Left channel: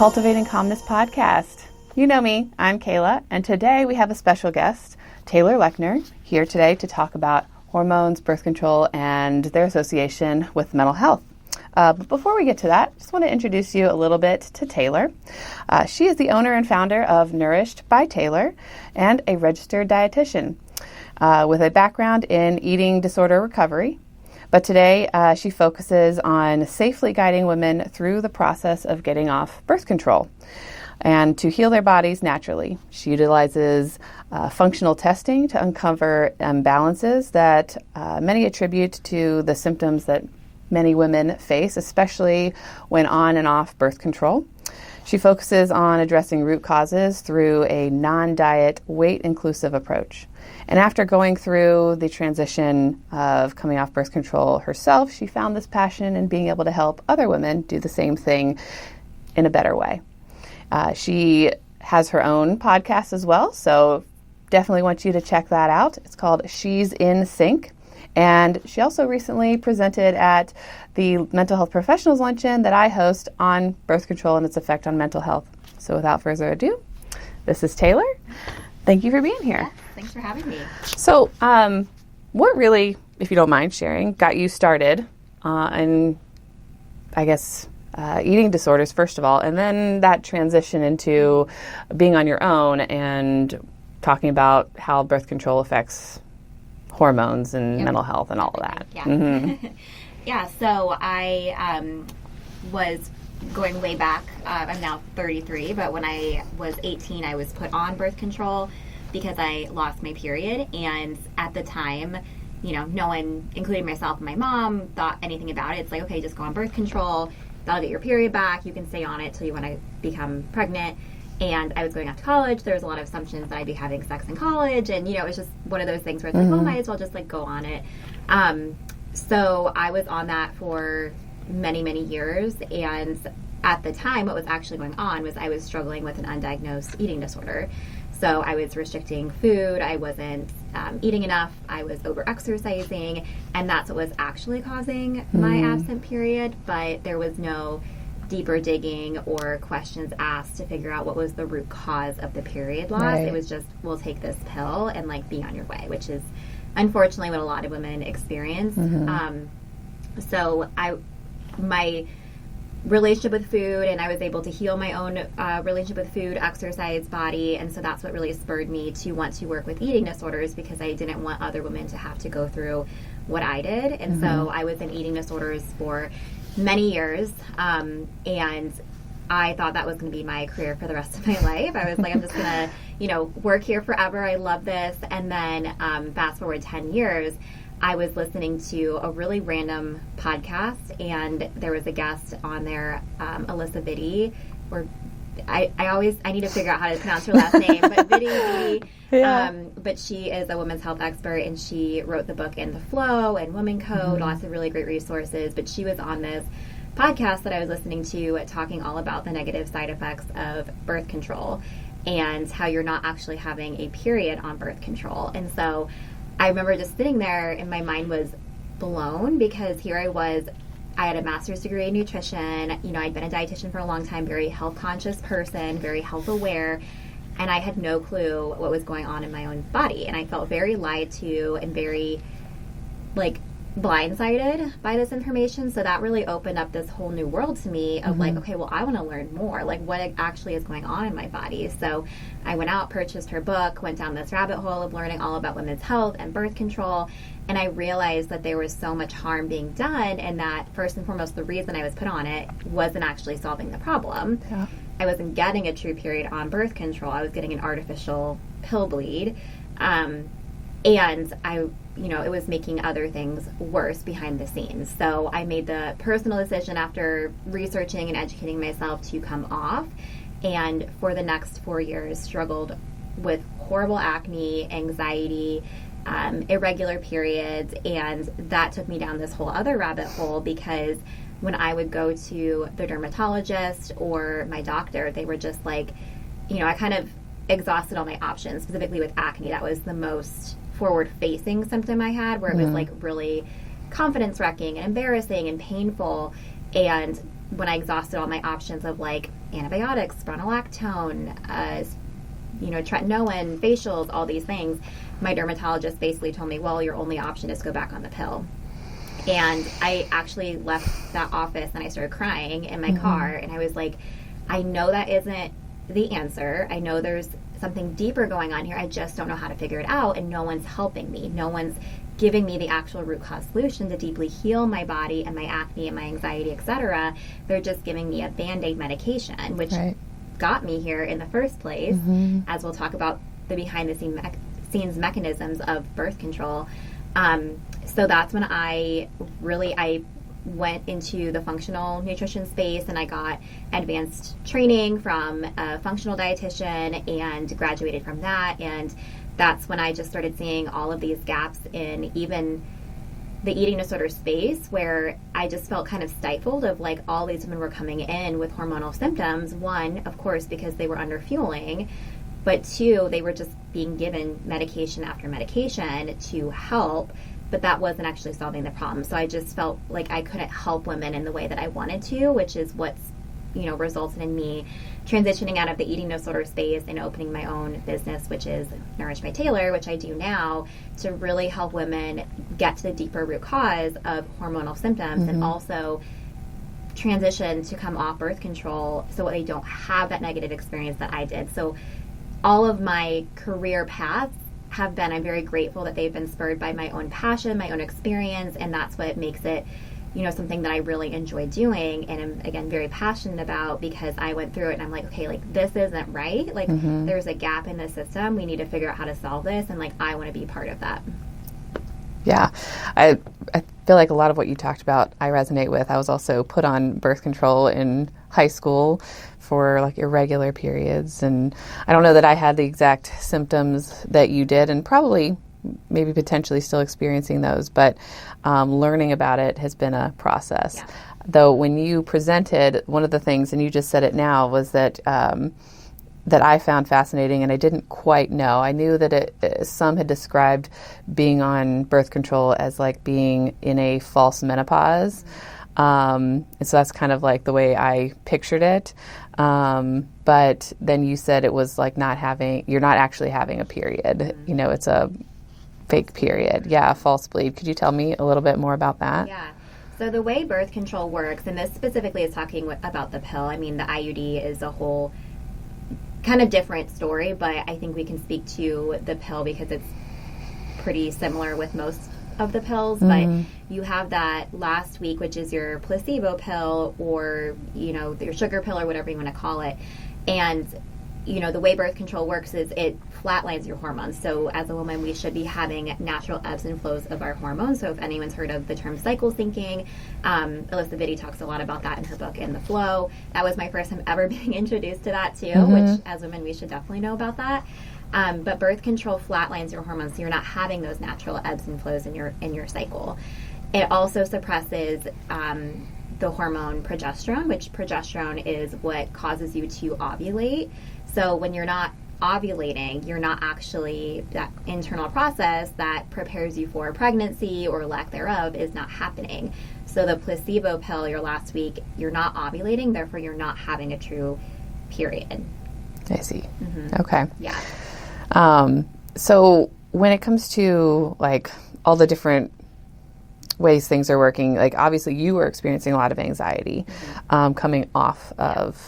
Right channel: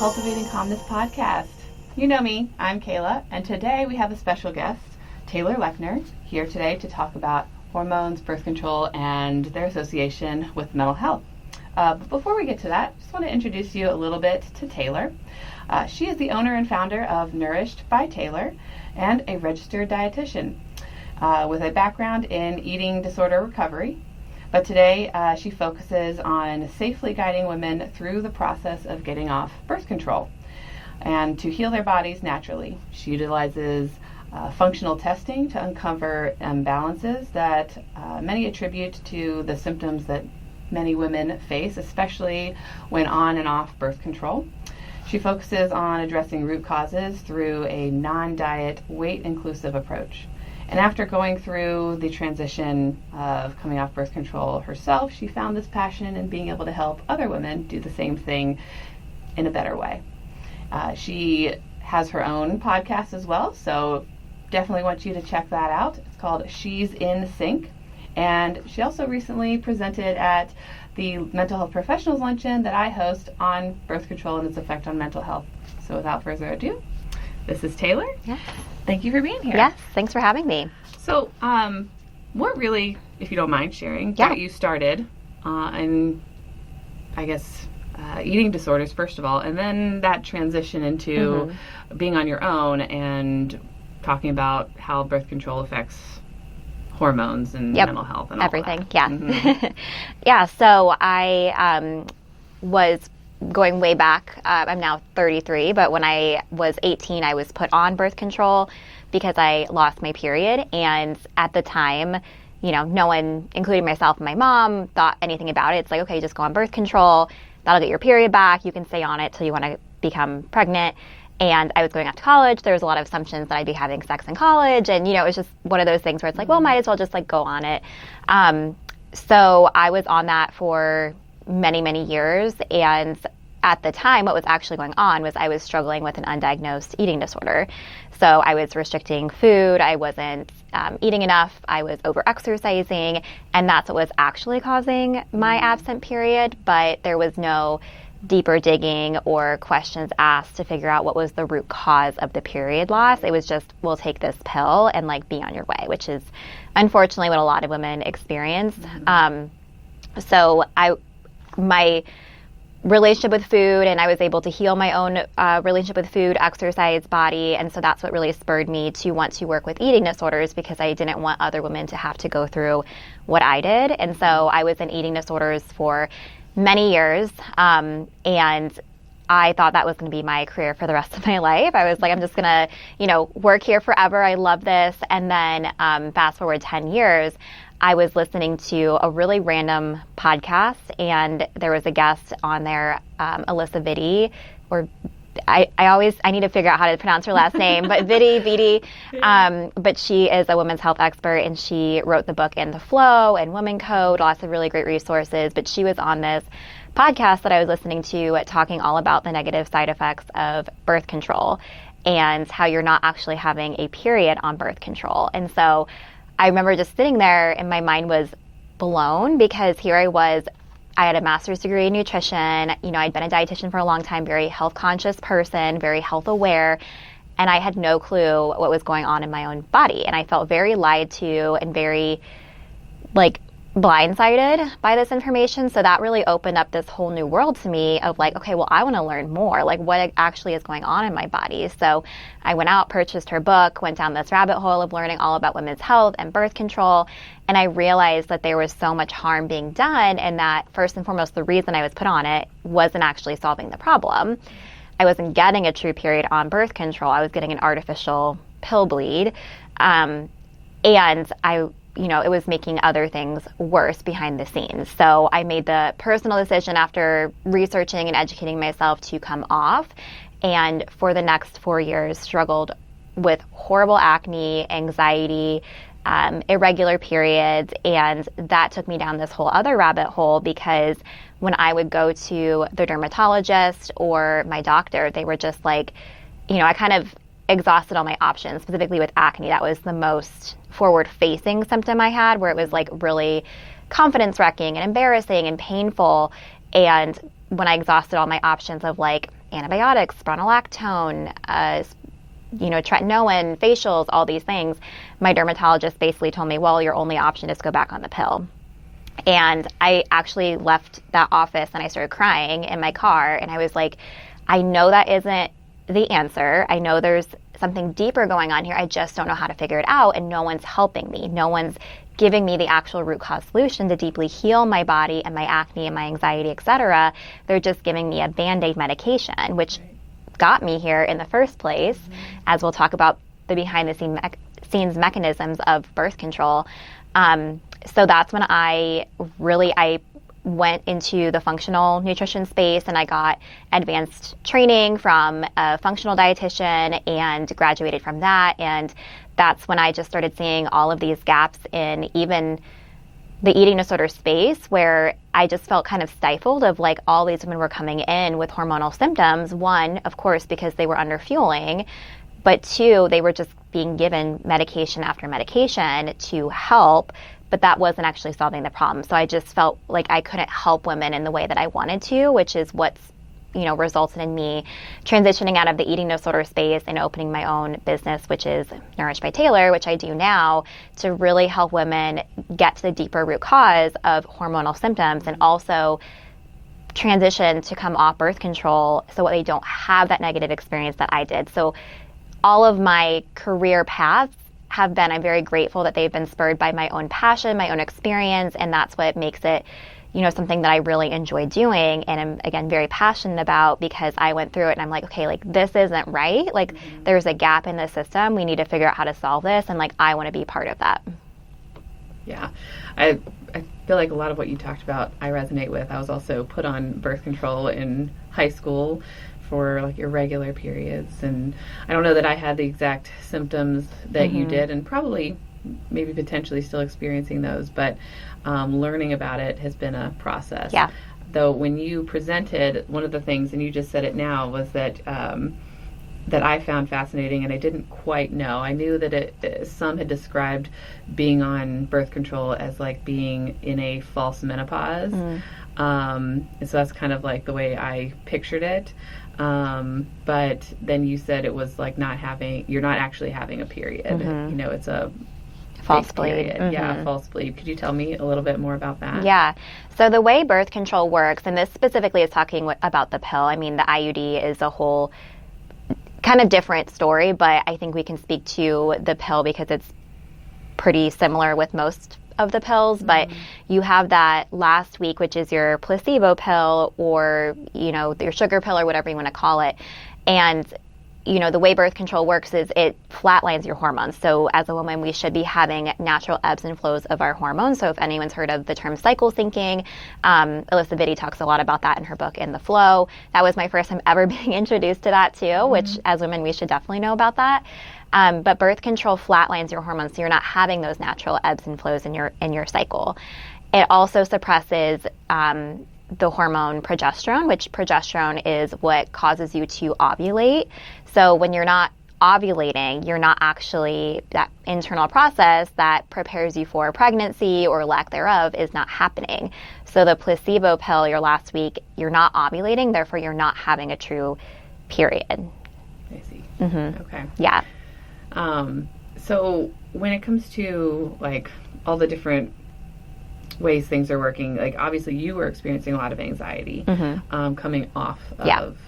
Cultivating Calmness Podcast. You know me, I'm Kaela, and today we have a special guest, Taylor Lechner, here today to talk about hormones, birth control, and their association with mental health. But before we get to that, just want to introduce you a little bit to Taylor. She is the owner and founder of Nourished by Taylor and a registered dietitian with a background in eating disorder recovery. But today she focuses on safely guiding women through the process of getting off birth control and to heal their bodies naturally. She utilizes functional testing to uncover imbalances that many attribute to the symptoms that many women face, especially when on and off birth control. She focuses on addressing root causes through a non-diet, weight-inclusive approach. And after going through the transition of coming off birth control herself, she found this passion in being able to help other women do the same thing in a better way. She has her own podcast as well, so definitely want you to check that out. It's called She's in Sync. And she also recently presented at the Mental Health Professionals Luncheon that I host on birth control and its effect on mental health. So without further ado, this is Taylor. Yeah. Thank you for being here. Yes, thanks for having me. So, what really, if you don't mind sharing, got you started in, I guess, eating disorders, first of all, and then that transition into being on your own and talking about how birth control affects hormones and mental health and all everything. That. Yeah. Mm-hmm. Yeah, so I was going way back. I'm now 33, but when I was 18, I was put on birth control because I lost my period. And at the time, you know, no one, including myself and my mom, thought anything about it. It's like, okay, just go on birth control. That'll get your period back. You can stay on it till you want to become pregnant. And I was going off to college. There was a lot of assumptions that I'd be having sex in college. And, you know, it was just one of those things where it's like, well, might as well just like go on it. So I was on that for many, many years. And at the time, what was actually going on was I was struggling with an undiagnosed eating disorder. So I was restricting food. I wasn't eating enough. I was over-exercising. And that's what was actually causing my absent period. But there was no deeper digging or questions asked to figure out what was the root cause of the period loss. Right. It was just, we'll take this pill and like be on your way, which is unfortunately what a lot of women experience. So my relationship with food, and I was able to heal my own relationship with food, exercise, body, and so that's what really spurred me to want to work with eating disorders because I didn't want other women to have to go through what I did. And so I was in eating disorders for many years, and I thought that was going to be my career for the rest of my life. I was like, I'm just going to, you know, work here forever. I love this. And then fast forward 10 years, I was listening to a really random podcast, and there was a guest on there, Alyssa Vitti, or I need to figure out how to pronounce her last name, but Vitti. Yeah. But she is a women's health expert, and she wrote the book In the Flow and Woman Code, lots of really great resources. But she was on this podcast that I was listening to talking all about the negative side effects of birth control and how you're not actually having a period on birth control. And so I remember just sitting there and my mind was blown because here I was. I had a master's degree in nutrition. You know, I'd been a dietitian for a long time, very health conscious person, very health aware, and I had no clue what was going on in my own body. And I felt very lied to and very like blindsided by this information. So that really opened up this whole new world to me of like, okay, well, I want to learn more, like what actually is going on in my body. So I went out, purchased her book, went down this rabbit hole of learning all about women's health and birth control. And I realized that there was so much harm being done, and that first and foremost, the reason I was put on it wasn't actually solving the problem. Yeah. I wasn't getting a true period on birth control. I was getting an artificial pill bleed. And you know, it was making other things worse behind the scenes. So I made the personal decision after researching and educating myself to come off. And for the next 4 years, struggled with horrible acne, anxiety, irregular periods, and that took me down this whole other rabbit hole because when I would go to the dermatologist or my doctor, they were just like, you know, I kind of exhausted all my options, specifically with acne. That was the most forward-facing symptom I had, where it was like really confidence-wrecking and embarrassing and painful. And when I exhausted all my options of like antibiotics, spironolactone, tretinoin, facials, all these things. My dermatologist basically told me, well, your only option is to go back on the pill. And I actually left that office and I started crying in my car. And I was like, I know that isn't the answer. I know there's something deeper going on here. I just don't know how to figure it out. And no one's helping me. No one's giving me the actual root cause solution to deeply heal my body and my acne and my anxiety, etc. They're just giving me a Band-Aid medication, which got me here in the first place, as we'll talk about the behind-the-scenes mechanisms of birth control. So that's when I went into the functional nutrition space, and I got advanced training from a functional dietitian and graduated from that. And that's when I just started seeing all of these gaps in even the eating disorder space, where I just felt kind of stifled of like all these women were coming in with hormonal symptoms. One, of course, because they were under fueling, but two, they were just being given medication after medication to help, but that wasn't actually solving the problem. So I just felt like I couldn't help women in the way that I wanted to, which is what's resulted in me transitioning out of the eating disorder space and opening my own business, which is Nourished by Taylor, which I do now, to really help women get to the deeper root cause of hormonal symptoms and also transition to come off birth control so they don't have that negative experience that I did. So all of my career paths have been, I'm very grateful that they've been spurred by my own passion, my own experience, and that's what makes it something that I really enjoy doing and I'm, again, very passionate about, because I went through it and I'm like, okay, like this isn't right. Like there's a gap in the system. We need to figure out how to solve this. And like, I want to be part of that. Yeah. I feel like a lot of what you talked about, I resonate with. I was also put on birth control in high school for like irregular periods. And I don't know that I had the exact symptoms that you did, and probably maybe potentially still experiencing those, but learning about it has been a process. Yeah. Though when you presented, one of the things, and you just said it now, was that that I found fascinating, and I didn't quite know. I knew that some had described being on birth control as like being in a false menopause. And so that's kind of like the way I pictured it. But then you said it was like you're not actually having a period. It's a fake period. Yeah, false bleed. Could you tell me a little bit more about that? Yeah. So the way birth control works, and this specifically is talking about the pill. I mean, the IUD is a whole kind of different story, but I think we can speak to the pill because it's pretty similar with most of the pills. But you have that last week, which is your placebo pill, or your sugar pill, or whatever you want to call it. And the way birth control works is it flatlines your hormones. So as a woman, we should be having natural ebbs and flows of our hormones. So if anyone's heard of the term cycle syncing, Alyssa Vitti talks a lot about that in her book, In the Flow. That was my first time ever being introduced to that too, which as women, we should definitely know about that. But birth control flatlines your hormones, so you're not having those natural ebbs and flows in your cycle. It also suppresses the hormone progesterone, which progesterone is what causes you to ovulate. So when you're not ovulating, you're not actually, that internal process that prepares you for pregnancy or lack thereof is not happening. So the placebo pill, your last week, you're not ovulating, therefore you're not having a true period. I see. Okay. Yeah. So when it comes to like all the different ways things are working, like obviously you were experiencing a lot of anxiety coming off of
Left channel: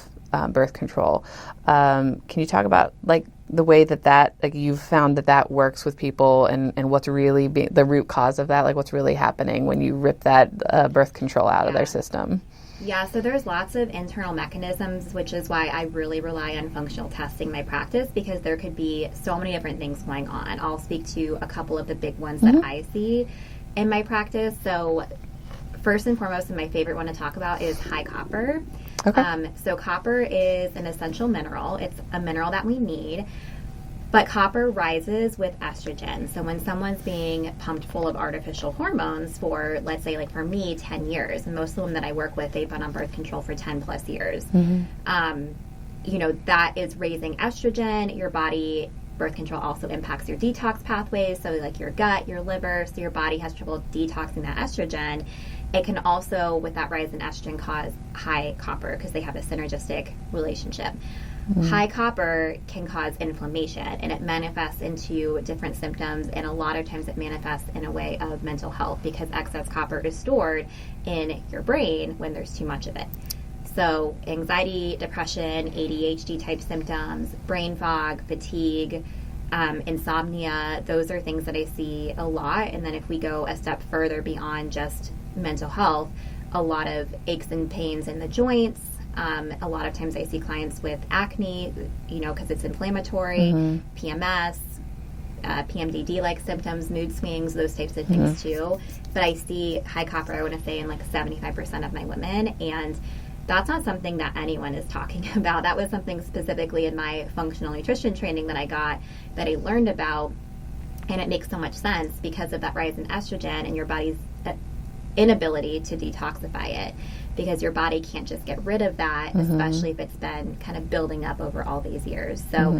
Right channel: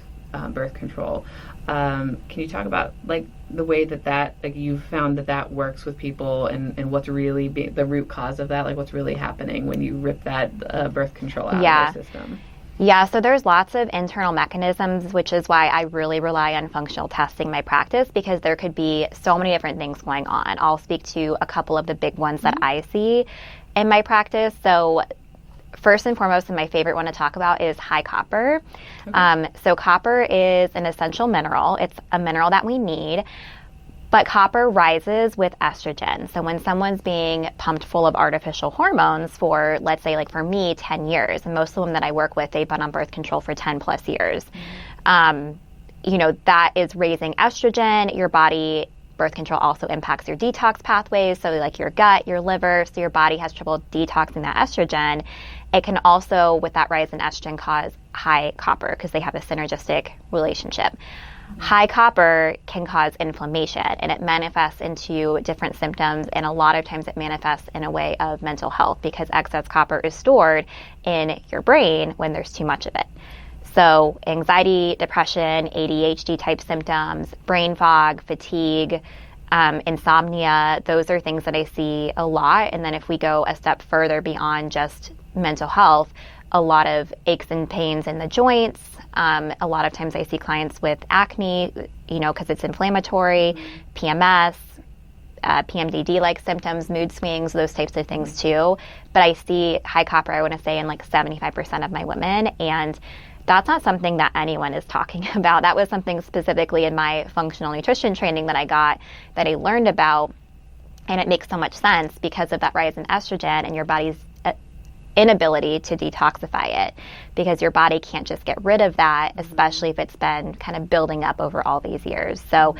birth control. Can you talk about like the way that like you've found that works with people, and what's really the root cause of that, like what's really happening when you rip that birth control out of their system? Yeah, so there's lots of internal mechanisms, which is why I really rely on functional testing in my practice, because there could be so many different things going on. I'll speak to a couple of the big ones that I see in my practice. So first and foremost, and my favorite one to talk about, is high copper. Okay. So copper is an essential mineral. It's a mineral that we need. But copper rises with estrogen. So when someone's being pumped full of artificial hormones for, let's say, like for me, 10 years, and most of the women that I work with, they've been on birth control for 10 plus years. That is raising estrogen. Your body birth control also impacts your detox pathways, so like your gut, your liver, so your body has trouble detoxing that estrogen. It can also, with that rise in estrogen, cause high copper because they have a synergistic relationship. High copper can cause inflammation, and it manifests into different symptoms, and a lot of times it manifests in a way of mental health because excess copper is stored in your brain when there's too much of it. So anxiety, depression, ADHD type symptoms, brain fog, fatigue, insomnia, those are things that I see a lot. And then if we go a step further beyond just mental health, a lot of aches and pains in the joints. A lot of times I see clients with acne, because it's inflammatory, PMS, PMDD-like symptoms, mood swings, those types of things too. But I see high copper, I want to say, in like 75% of my women, and that's not something that anyone is talking about. That was something specifically in my functional nutrition training that I got, that I learned about, and it makes so much sense because of that rise in estrogen and your body's inability to detoxify it, because your body can't just get rid of that, especially if it's been kind of building up over all these years. So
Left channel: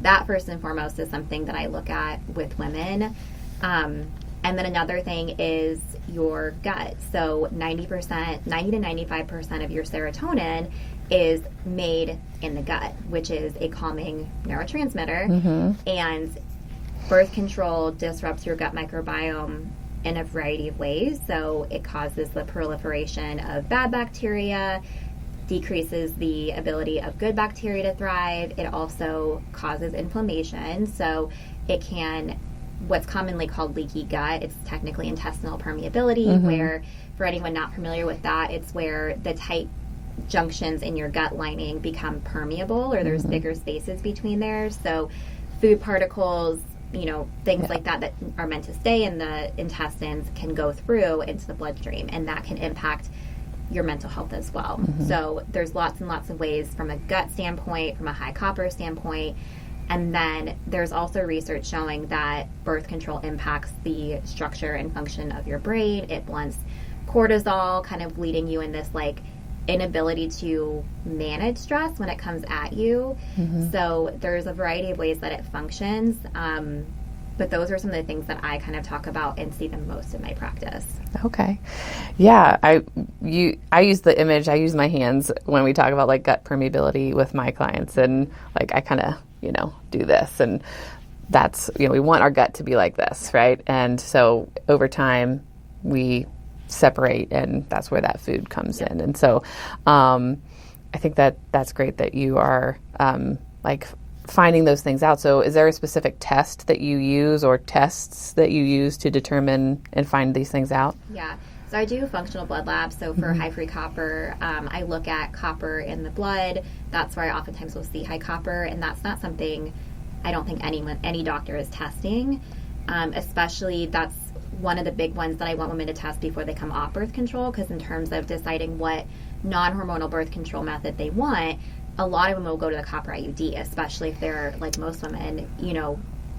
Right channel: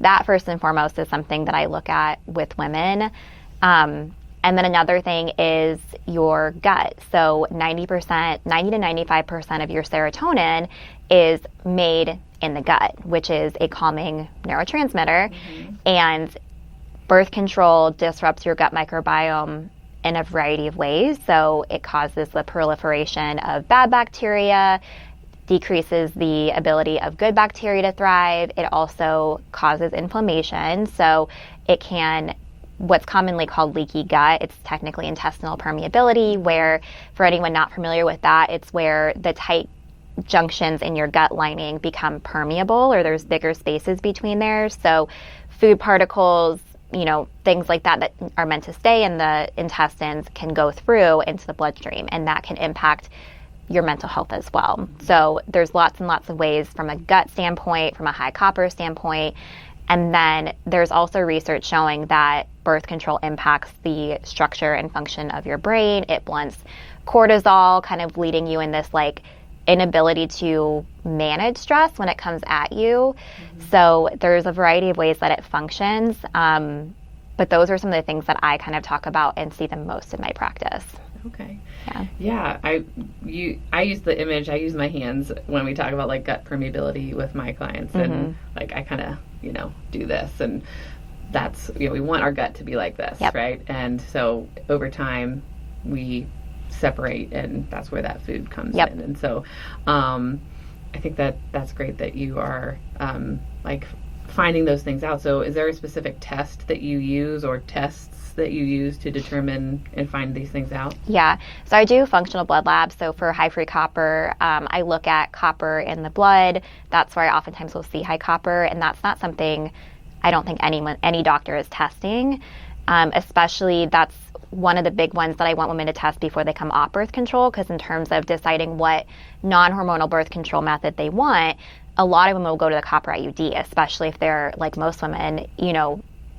that first and foremost is something that I look at with women. And then another thing is your gut. So 90 to 95% of your serotonin is made in the gut, which is a calming neurotransmitter. And birth control disrupts your gut microbiome in a variety of ways. So it causes the proliferation of bad bacteria, decreases the ability of good bacteria to thrive. It also causes inflammation. So it can, what's commonly called leaky gut, it's technically intestinal permeability, where, for anyone not familiar with that, it's where the tight junctions in your gut lining become permeable, or there's bigger spaces between there. So food particles, things like that are meant to stay in the intestines can go through into the bloodstream, and that can impact your mental health as well. So there's lots and lots of ways from a gut standpoint, from a high copper standpoint. And then there's also research showing that birth control impacts the structure and function of your brain. It blunts cortisol, kind of leading you in this like inability to manage stress when it comes at you. So there's a variety of ways that it functions. But those are some of the things that I kind of talk about and see the most in my practice. Okay. Yeah. I use the image, I use my hands when we talk about like gut permeability with my clients, and like I kind of, do this, and that's, we want our gut to be like this, right? And so over time we separate, and that's where that food comes in. And so I think that's great that you are like finding those things out. So is there a specific test that you use, or tests that you use to determine and find these things out? Yeah. So I do functional blood labs. So for high free copper, I look at copper in the blood. That's where I oftentimes will see high copper, and that's not something I don't think any doctor is testing. Especially that's one of the big ones that I want women to test before they come off birth control, because in terms of deciding what non-hormonal birth control method they want, a lot of women will go to the copper IUD, especially if they're, like most women,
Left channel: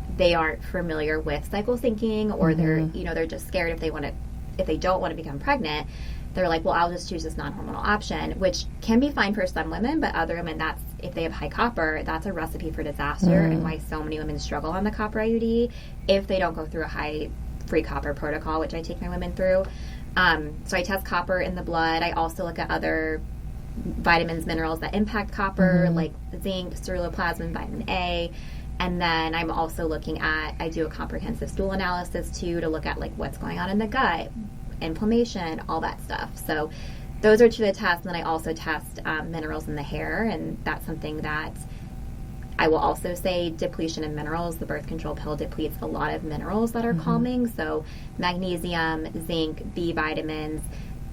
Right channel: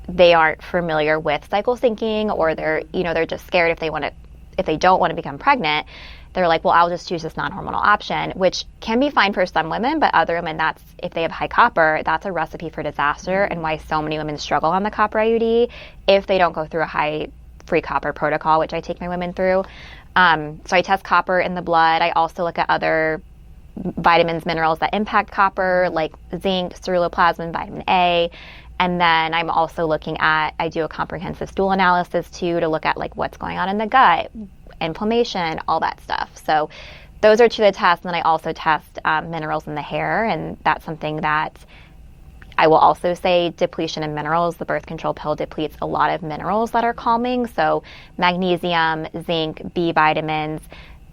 they aren't familiar with cycle syncing, or they're just scared if they don't want to become pregnant. They're like, well, I'll just choose this non-hormonal option, which can be fine for some women, but other women, if they have high copper, that's a recipe for disaster, and why so many women struggle on the copper IUD if they don't go through a high free copper protocol, which I take my women through. So I test copper in the blood. I also look at other vitamins, minerals that impact copper, like zinc, ceruloplasmin, vitamin A. And then I'm also looking at, I do a comprehensive stool analysis too, to look at like what's going on in the gut, inflammation, all that stuff. So those are two of the tests. And then I also test minerals in the hair, and that's something that I will also say depletion in minerals. The birth control pill depletes a lot of minerals that are calming. So magnesium, zinc, B vitamins,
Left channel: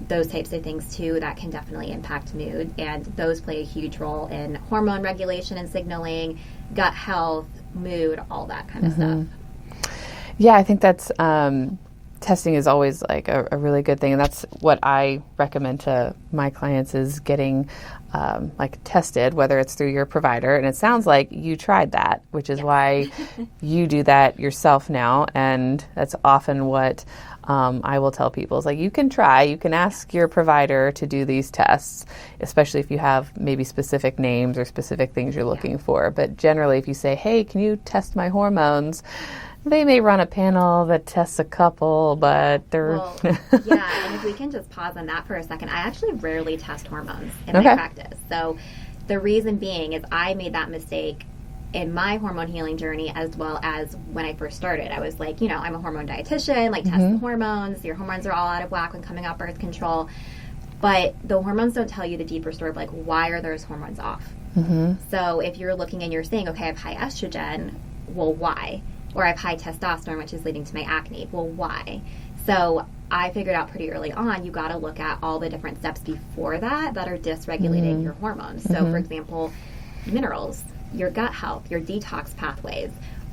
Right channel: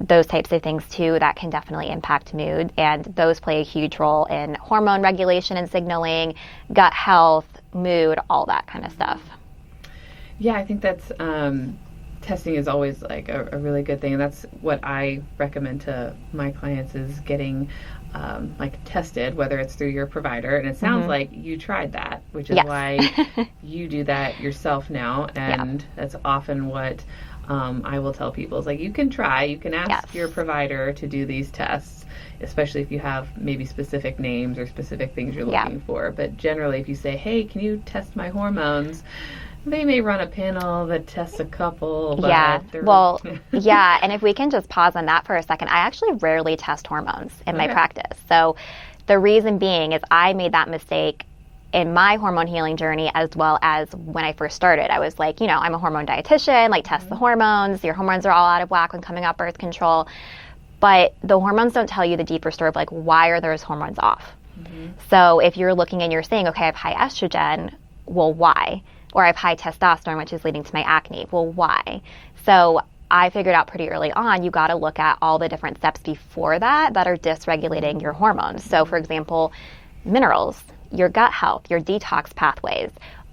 those types of things too, that can definitely impact mood, and those play a huge role in hormone regulation and signaling, gut health, mood, all that kind of stuff. Yeah, I think that's testing is always like a really good thing, and that's what I recommend to my clients is getting like tested, whether it's through your provider. And it sounds like you tried that, which is why you do that yourself now. And that's often what I will tell people is like, you can ask your provider to do these tests, especially if you have maybe specific names or specific things you're looking for. But generally, if you say, hey, can you test my hormones? They may run a panel that tests a couple, but they're... Well, and if we can just pause on that for a second, I actually rarely test hormones in my practice. So the reason being is I made that mistake in my hormone healing journey as well as when I first started. I was like, I'm a hormone dietitian, like test the hormones. Your hormones are all out of whack when coming off birth control. But the hormones don't tell you the deeper story of like, why are those hormones off? So if you're looking and you're saying, okay, I have high estrogen, well, why? Or I have high testosterone, which is leading to my acne. Well, why? So I figured out pretty early on, you got to look at all the different steps before that are dysregulating your hormones. So, for example, minerals, your gut health, your detox pathways,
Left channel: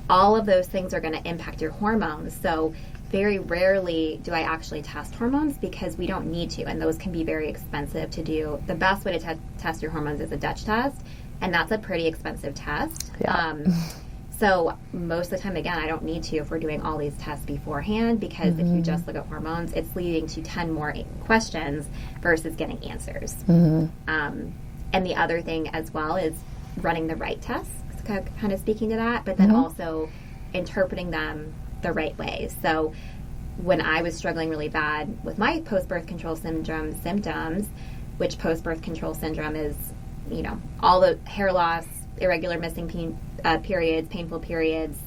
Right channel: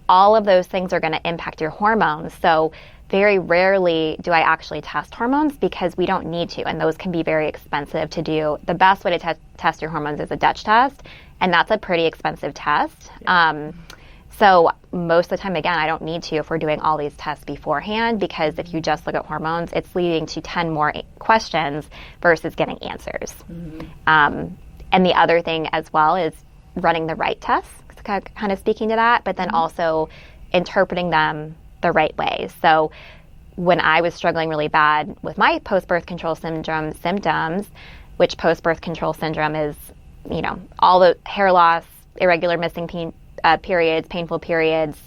all of those things are going to impact your hormones. So very rarely do I actually test hormones because we don't need to, and those can be very expensive to do. The best way to test your hormones is a Dutch test, and that's a pretty expensive test. So most of the time, again, I don't need to if we're doing all these tests beforehand, because if you just look at hormones, it's leading to 10 more questions versus getting answers. And the other thing as well is running the right tests, kind of speaking to that, but then also interpreting them the right way. So when I was struggling really bad with my post-birth control syndrome symptoms, which post-birth control syndrome is, all the hair loss, irregular missing periods, painful periods,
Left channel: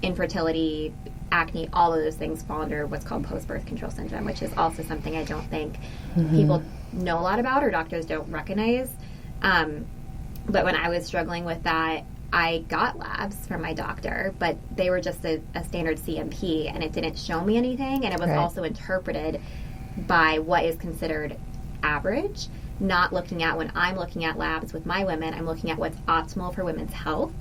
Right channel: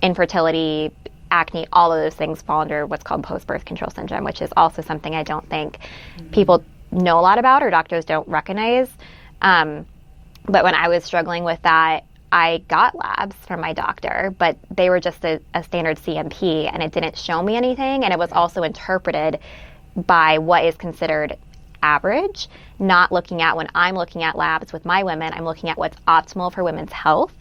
infertility, acne, all of those things fall under what's called post-birth control syndrome, which is also something I don't think people know a lot about or doctors don't recognize. But when I was struggling with that, I got labs from my doctor, but they were just a standard CMP, and it didn't show me anything, and it was also interpreted by what is considered average, not looking at when I'm looking at labs with my women, I'm looking at what's optimal for women's health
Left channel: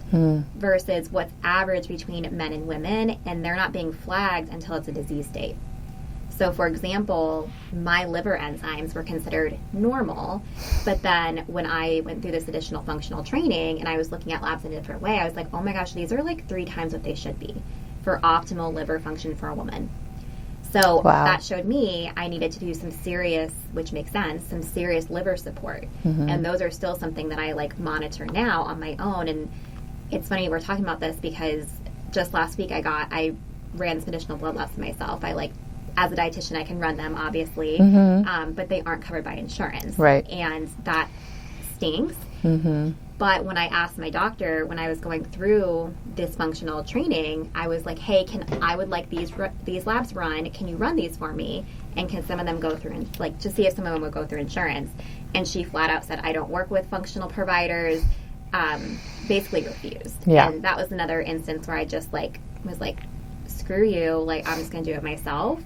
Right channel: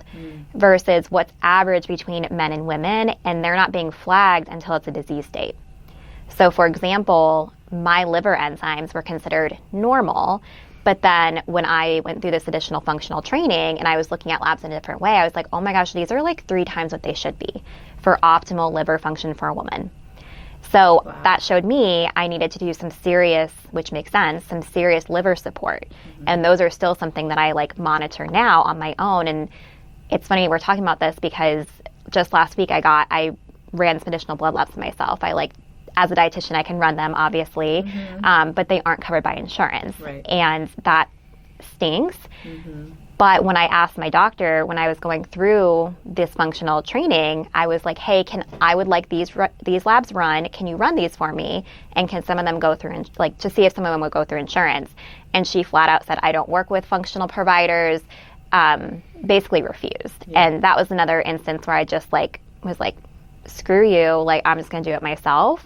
versus what's average between men and women, and they're not being flagged until it's a disease state. So, for example, my liver enzymes were considered normal, but then when I went through this additional functional training and I was looking at labs in a different way, I was like, oh my gosh, these are like 3 times what they should be for optimal liver function for a woman. So that showed me I needed to do some serious, which makes sense, some serious liver support. And those are still something that I monitor now on my own. And it's funny we're talking about this because just last week I ran some additional blood labs myself. As a dietitian, I can run them, obviously, but they aren't covered by insurance. And that stinks. But when I asked my doctor, when I was going through this functional training, I was like, hey, I would like these labs run. Can you run these for me? And can some of them go through, to see if some of them would go through insurance? And she flat out said, I don't work with functional providers, basically refused. And that was another instance where I just was like, screw you, I'm just going to do it myself.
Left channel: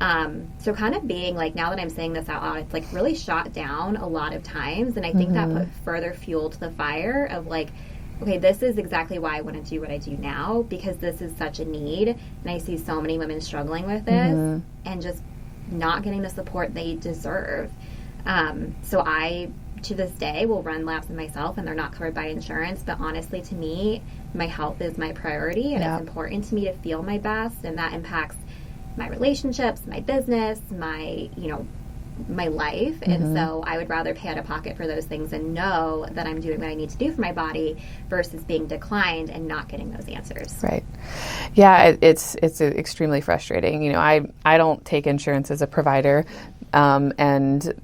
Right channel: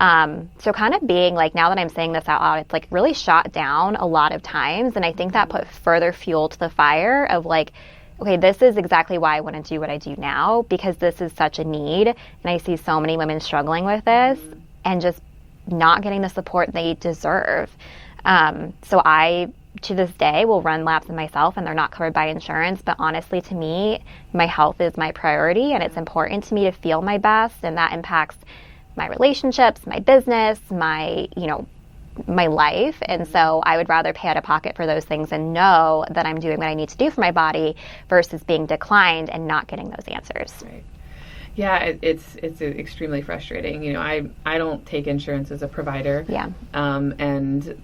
So kind of being now that I'm saying this out loud, it's really shot down a lot of times. And I think that put further fuel to the fire of okay, this is exactly why I want to do what I do now, because this is such a need. And I see so many women struggling with this and just not getting the support they deserve. So I, to this day, will run labs in myself, and they're not covered by insurance. But honestly, to me, my health is my priority, and it's important to me to feel my best, and that impacts my relationships, my business, my life. And so I would rather pay out of pocket for those things and know that I'm doing what I need to do for my body versus being declined and not getting those answers. Right. Yeah, it's extremely frustrating. I don't take insurance as a provider. And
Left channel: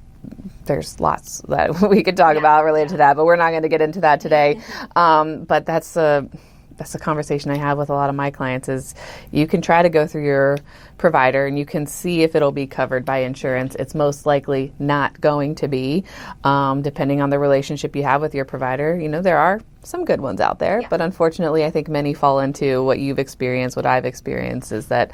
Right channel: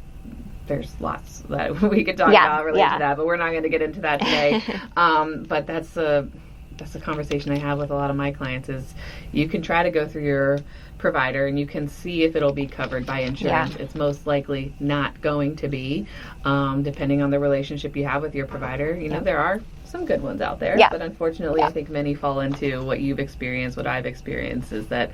there's lots that we could talk about related to that, but we're not going to get into that today. But that's a conversation I have with a lot of my clients is you can try to go through your provider and you can see if it'll be covered by insurance. It's most likely not going to be, depending on the relationship you have with your provider. There are some good ones out there, but unfortunately I think many fall into what you've experienced, what I've experienced, is that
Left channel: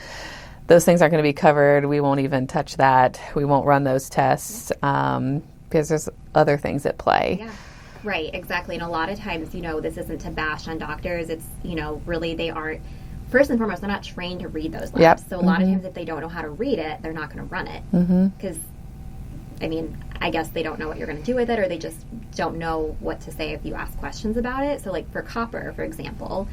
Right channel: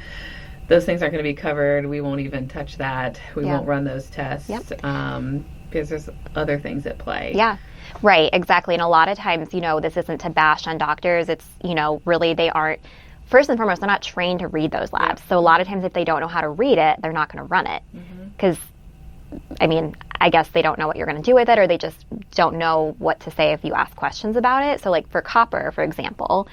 those things aren't going to be covered. We won't even touch that. We won't run those tests because there's other things at play. Right, exactly. And a lot of times, this isn't to bash on doctors. It's, really they aren't first and foremost, they're not trained to read those labs. Yep. So a lot of times if they don't know how to read it, they're not going to run it. Because, I mean, I guess they don't know what you're going to do with it, or they just don't know what to say if you ask questions about it. So like for copper, for example,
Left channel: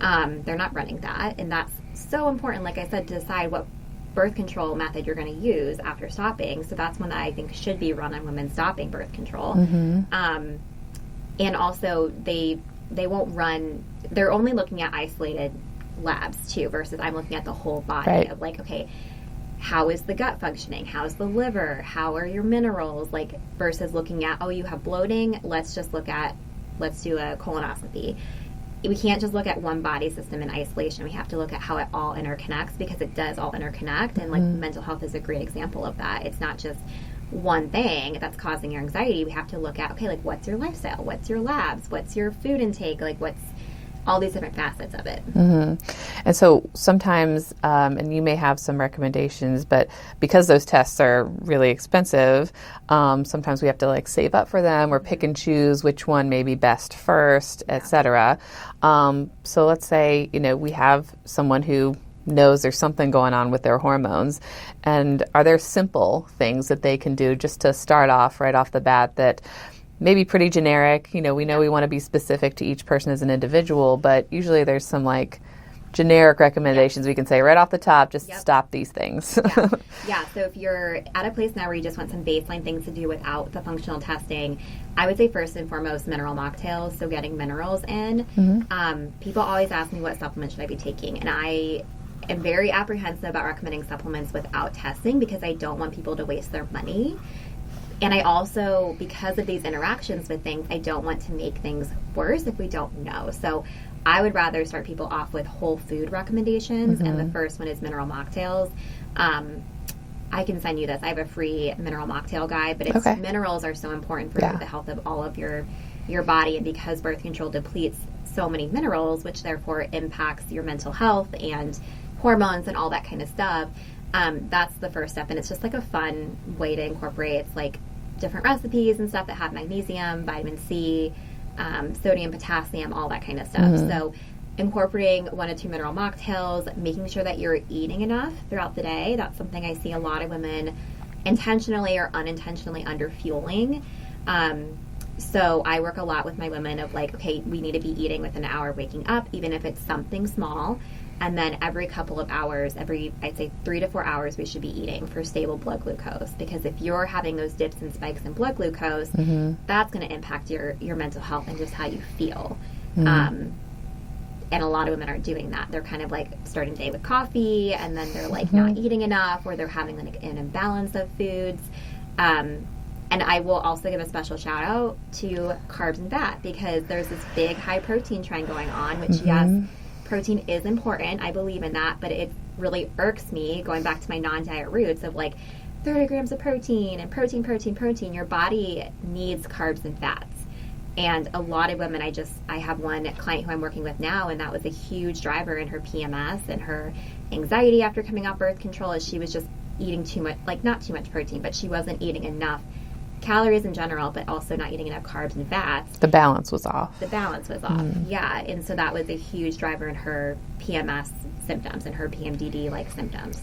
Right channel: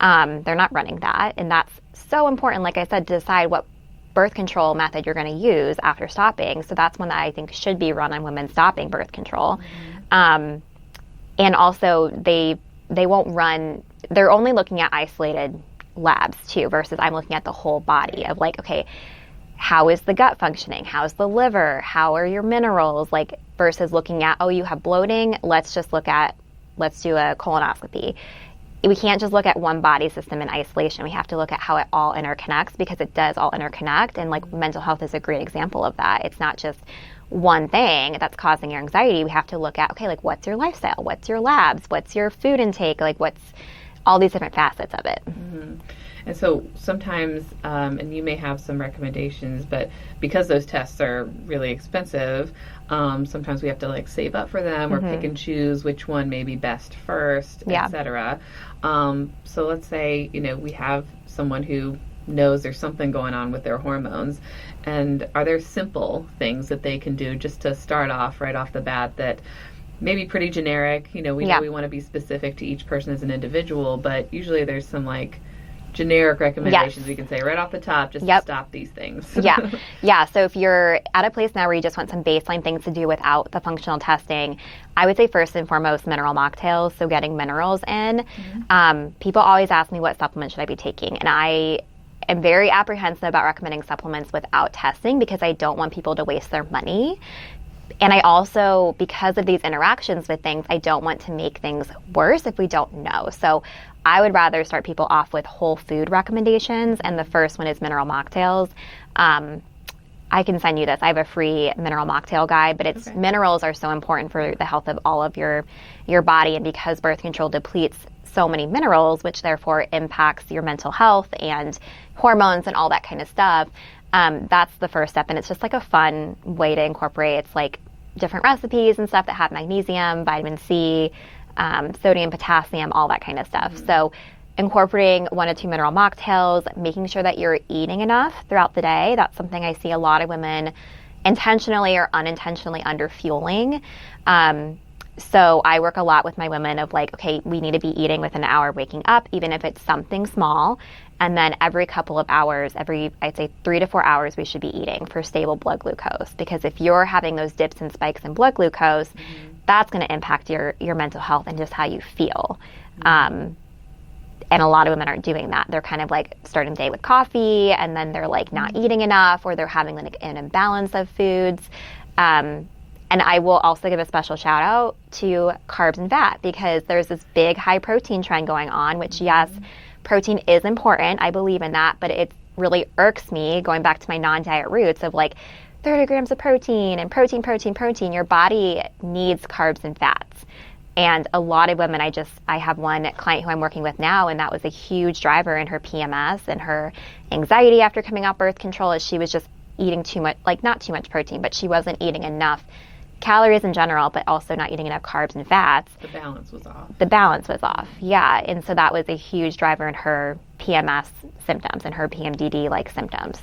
they're not running that. And that's so important, like I said, to decide what birth control method you're going to use after stopping. So that's one that I think should be run on women stopping birth control. And also they won't run, they're only looking at isolated labs too, versus I'm looking at the whole body of like, okay, how is the gut functioning? How's the liver? How are your minerals? Like versus looking at, oh, you have bloating. Let's do a colonoscopy. We can't just look at one body system in isolation. We have to look at how it all interconnects, because it does all interconnect. And like mental health is a great example of that. It's not just one thing that's causing your anxiety. We have to look at, okay, like what's your lifestyle? What's your labs? What's your food intake? Like what's all these different facets of it. And so sometimes, and you may have some recommendations, but because those tests are really expensive, sometimes we have to like save up for them or pick and choose which one may be best first, etc. So let's say, we have someone who knows there's something going on with their hormones, and are there simple things that they can do just to start off right off the bat that maybe pretty generic? We know we want to be specific to each person as an individual, but usually there's some like generic recommendations we can say right off the top, just to stop these things. So if you're at a place now where you just want some baseline things to do without the functional testing, I would say first and foremost mineral mocktails, so getting minerals in. People always ask me what supplement should I be taking, and I am very apprehensive about recommending supplements without testing, because I don't want people to waste their money. And I also, because of these interactions with things, I don't want to make things worse if we don't know. So I would rather start people off with whole food recommendations, and the first one is mineral mocktails. I can send you this. I have a free mineral mocktail guide, but it's minerals are so important for the health of all of your body, and because birth control depletes so many minerals, which therefore impacts your mental health and hormones and all that kind of stuff. That's the first step, and it's just like a fun way to incorporate. It's like different recipes and stuff that have magnesium, vitamin C, sodium, potassium, all that kind of stuff. So incorporating 1 to 2 mineral mocktails, making sure that you're eating enough throughout the day. That's something I see a lot of women intentionally or unintentionally under-fueling. So I work a lot with my women of like, okay, we need to be eating within an hour waking up, even if it's something small. And then every couple of hours, I'd say 3 to 4 hours, we should be eating for stable blood glucose. Because if you're having those dips and spikes in blood glucose, that's going to impact your mental health and just how you feel. And a lot of women aren't doing that. They're kind of like starting the day with coffee, and then they're like not eating enough, or they're having like an imbalance of foods. And I will also give a special shout out to carbs and fat, because there's this big high protein trend going on, which yes, protein is important. I believe in that, but it really irks me, going back to my non-diet roots, of like 30 grams of protein and protein. Your body needs carbs and fats. And a lot of women, I have one client who I'm working with now, and that was a huge driver in her PMS and her anxiety after coming off birth control, is she was just eating too much, like not too much protein, but she wasn't eating enough calories in general, but also not eating enough carbs and fats. The balance was off. Yeah. And so that was a huge driver in her PMS symptoms and her PMDD-like symptoms.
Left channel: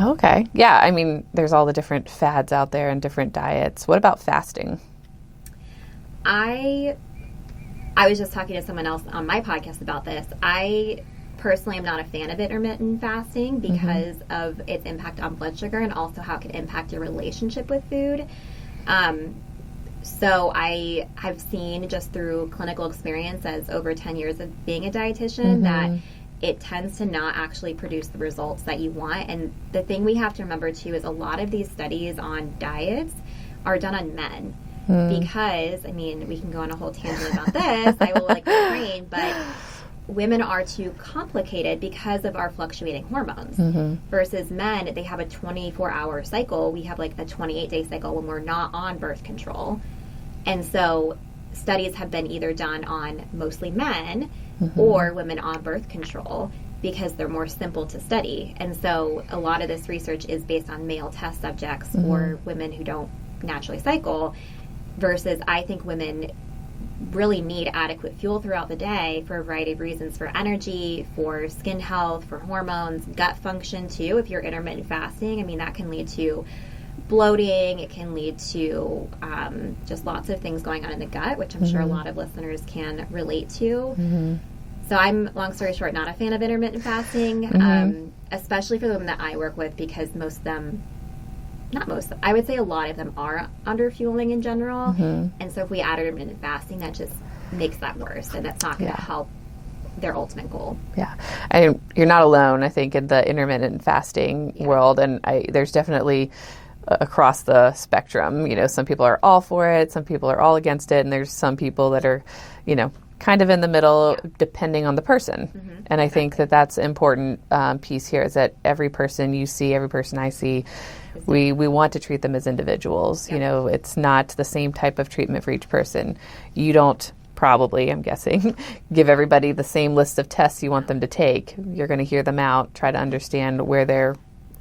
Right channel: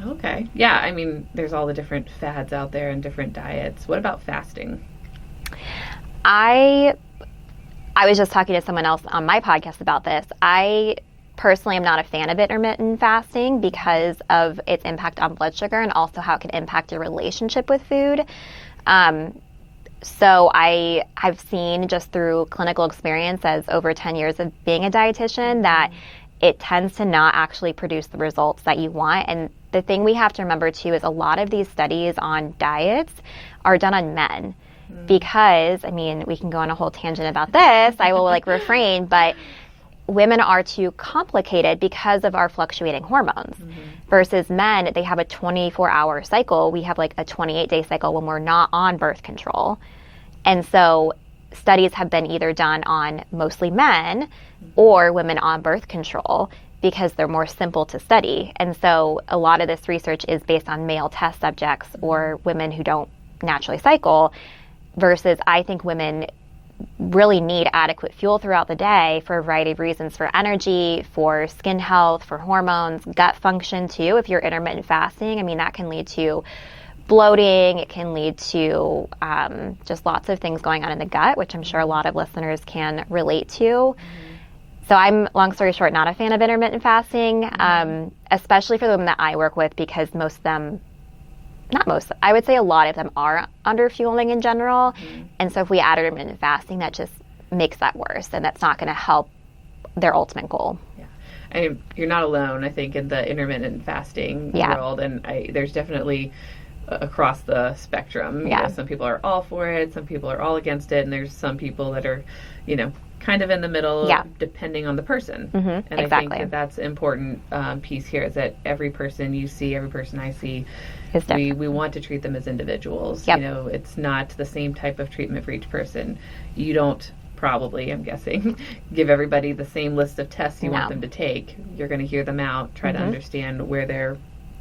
Okay. Yeah, I mean, there's all the different fads out there and different diets. What about fasting? I was just talking to someone else on my podcast about this. I personally am not a fan of intermittent fasting because of its impact on blood sugar, and also how it can impact your relationship with food. So I have seen just through clinical experience as over 10 years of being a dietitian that it tends to not actually produce the results that you want. And the thing we have to remember too is a lot of these studies on diets are done on men. Because, I mean, we can go on a whole tangent about this. I will refrain, but women are too complicated because of our fluctuating hormones. Versus men, they have a 24-hour cycle. We have a 28-day cycle when we're not on birth control. And so studies have been either done on mostly men or women on birth control, because they're more simple to study. And so a lot of this research is based on male test subjects or women who don't naturally cycle, versus I think women really need adequate fuel throughout the day for a variety of reasons, for energy, for skin health, for hormones, gut function too. If you're intermittent fasting, I mean, that can lead to bloating. It can lead to just lots of things going on in the gut, which I'm sure a lot of listeners can relate to. So I'm, long story short, not a fan of intermittent fasting, especially for the women that I work with, because most of them, not most, I would say a lot of them are under fueling in general. And so if we add intermittent fasting, that just makes that worse, and that's not going to help their ultimate goal. Yeah. You're not alone, I think, in the intermittent fasting world. And there's definitely across the spectrum, you know, some people are all for it, some people are all against it, and there's some people that are, you know, kind of in the middle, depending on the person. And I think that that's important piece here, is that every person you see, every person I see, we want to treat them as individuals. You know, it's not the same type of treatment for each person. You don't probably, I'm guessing, give everybody the same list of tests you want them to take. You're going to hear them out, try to understand where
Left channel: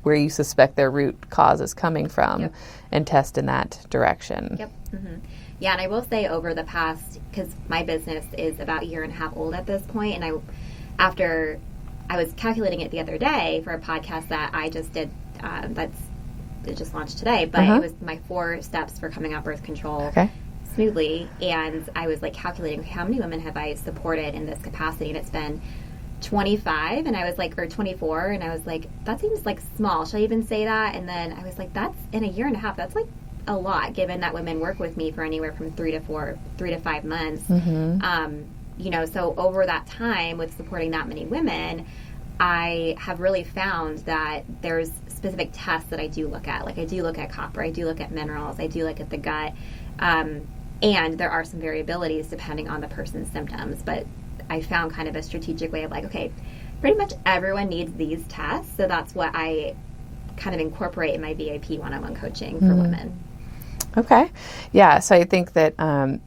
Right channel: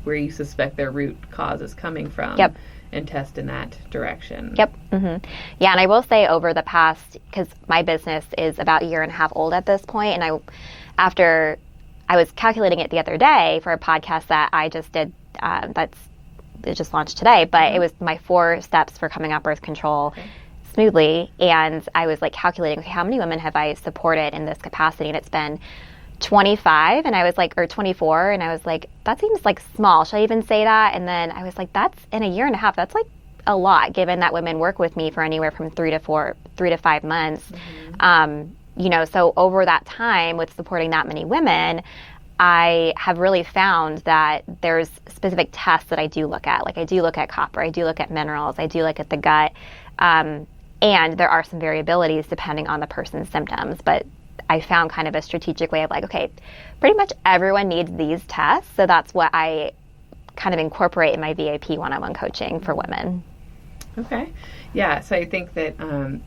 you suspect their root cause is coming from, and test in that direction. Yeah, and I will say, over the past, because my business is about a year and a half old at this point, and after I was calculating it the other day for a podcast that I just did, it just launched today, but it was my 4 steps for coming off birth control smoothly, and I was like calculating, okay, how many women have I supported in this capacity, and it's been 25, and I was like, or 24, and I was like, that seems like small. Should I even say that? And then I was like, that's in a year and a half. That's like a lot, given that women work with me for anywhere from 3 to 5 months. You know, so over that time with supporting that many women, I have really found that there's specific tests that I do look at. Like, I do look at copper, I do look at minerals, I do look at the gut, and there are some variabilities depending on the person's symptoms, but I found kind of a strategic way of like, okay, pretty much everyone needs these tests. So that's what I kind of incorporate in my VIP one-on-one coaching for women. Okay. Yeah. So I think that all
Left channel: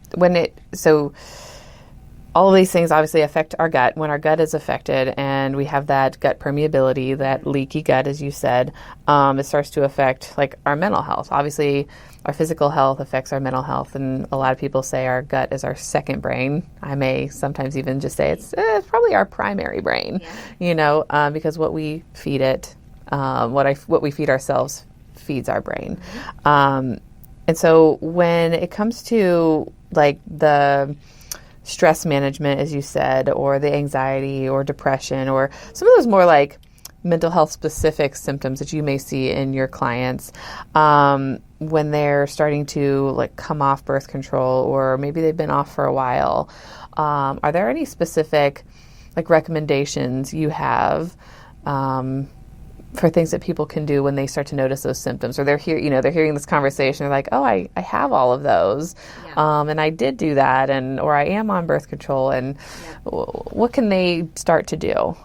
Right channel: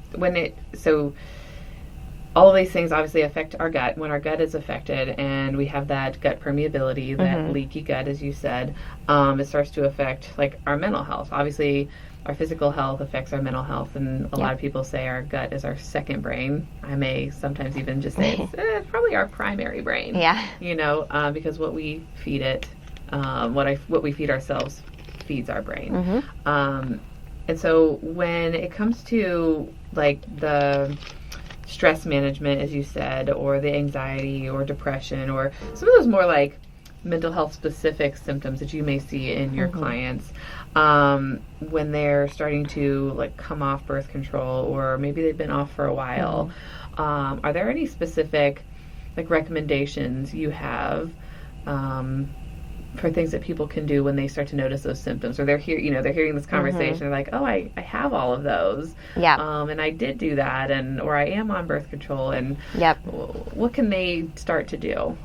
of these things obviously affect our gut. When our gut is affected and we have that gut permeability, that leaky gut, as you said, it starts to affect like our mental health. Obviously, our physical health affects our mental health, and a lot of people say our gut is our second brain. I may sometimes even just say it's probably our primary brain. You know, because what we feed it, what we feed ourselves feeds our brain. And so when it comes to like the stress management, as you said, or the anxiety or depression, or some of those more like mental health specific symptoms that you may see in your clients, when they're starting to like come off birth control, or maybe they've been off for a while, are there any specific like recommendations you have for things that people can do when they start to notice those symptoms, or they're hearing this conversation, they're like, oh, I have all of those, and I did do that, or I am on birth control, and what can they start to do?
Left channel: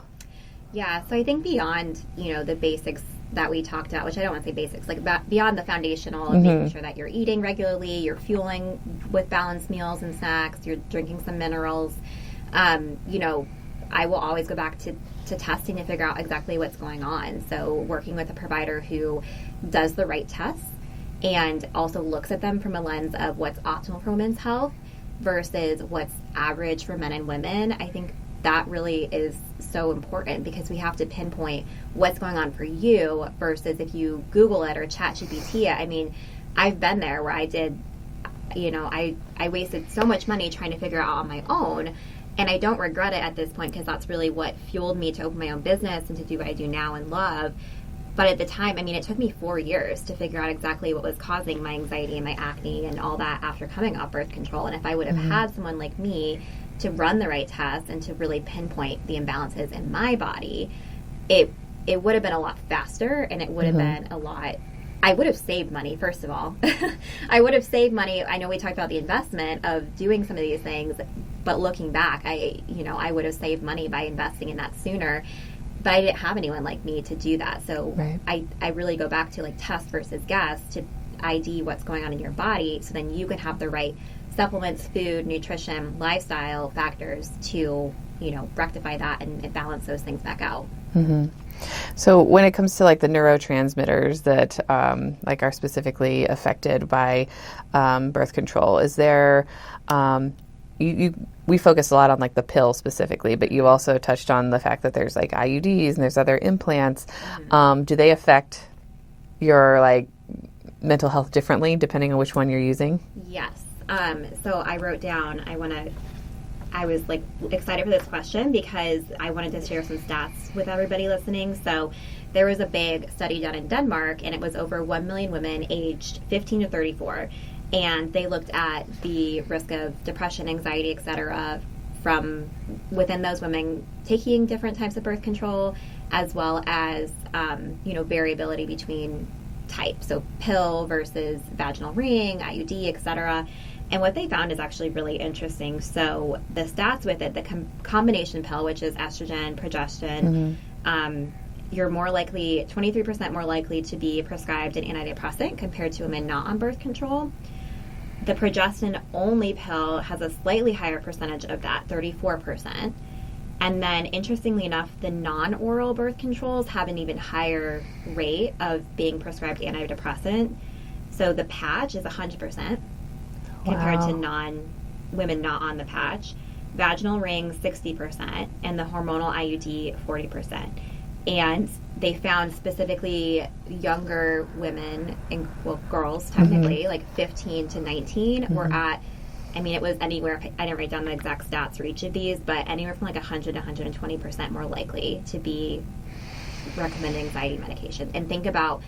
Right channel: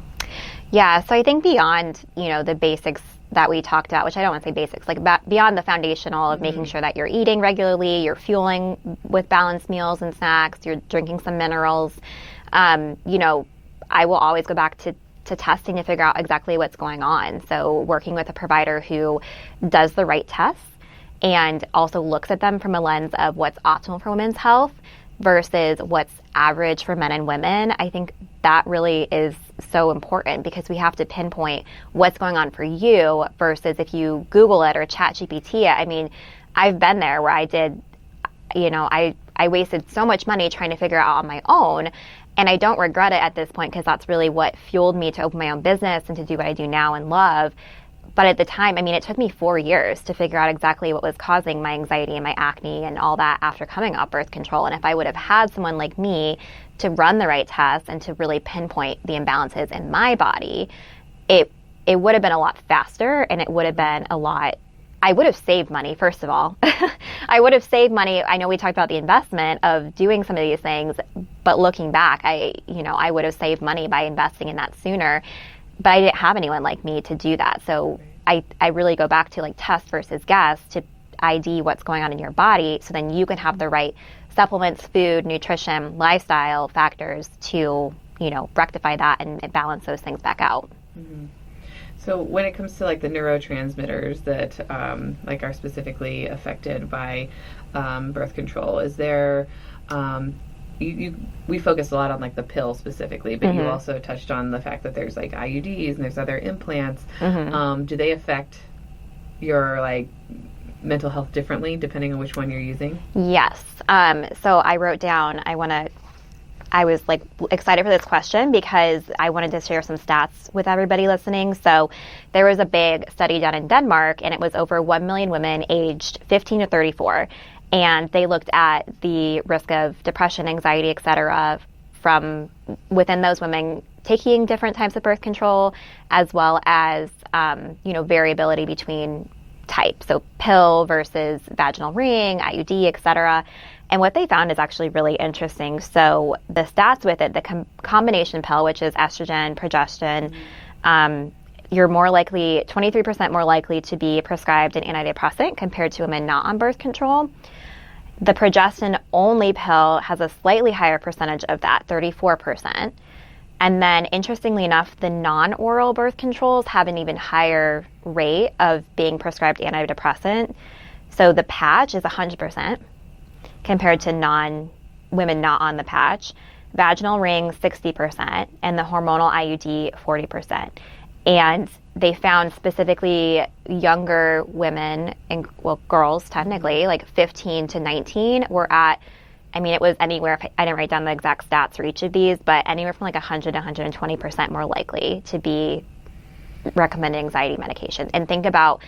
Yeah, so I think beyond, the basics that we talked about, which I don't want to say basics, like beyond the foundational of making sure that you're eating regularly, you're fueling with balanced meals and snacks, you're drinking some minerals, I will always go back to testing to figure out exactly what's going on. So working with a provider who does the right tests and also looks at them from a lens of what's optimal for women's health versus what's average for men and women, I think that really is so important, because we have to pinpoint what's going on for you versus if you Google it or ChatGPT it. I mean, I've been there where I did, I wasted so much money trying to figure it out on my own. And I don't regret it at this point, because that's really what fueled me to open my own business and to do what I do now and love. But at the time, it took me 4 years to figure out exactly what was causing my anxiety and my acne and all that after coming off birth control. And if I would have had someone like me to run the right tests and to really pinpoint the imbalances in my body, it would have been a lot faster, and it would have been I would have saved money, first of all. I would have saved money. I know we talked about the investment of doing some of these things, but looking back, I would have saved money by investing in that sooner. But I didn't have anyone like me to do that. So I really go back to like test versus guess to ID what's going on in your body, so then you can have the right supplements, food, nutrition, lifestyle factors to, rectify that and balance those things back out. So when it comes to like the neurotransmitters that are specifically affected by birth control, is there we focus a lot on like the pill specifically, but you also touched on the fact that there's like IUDs and there's other implants. Do they affect your like mental health differently depending on which one you're using? Yes. So I wrote down, I was like excited for this question because I wanted to share some stats with everybody listening. So there was a big study done in Denmark, and it was over 1 million women aged 15 to 34. And they looked at the risk of depression, anxiety, et cetera, from within those women taking different types of birth control, as well as, variability between types. So pill versus vaginal ring, IUD, et cetera. And what they found is actually really interesting. So the stats with it, the combination pill, which is estrogen, progestin, you're more likely, 23% more likely to be prescribed an antidepressant compared to women not on birth control. The progestin-only pill has a slightly higher percentage of that, 34%. And then, interestingly enough, the non-oral birth controls have an even higher rate of being prescribed antidepressant. So the patch is 100% compared to women not on the patch. Vaginal ring, 60%, and the hormonal IUD, 40%. And they found specifically younger women, girls technically, like 15 to 19, were at, it was anywhere, I didn't write down the exact stats for each of these, but anywhere from like 100 to 120% more likely to be recommended anxiety medication. And think about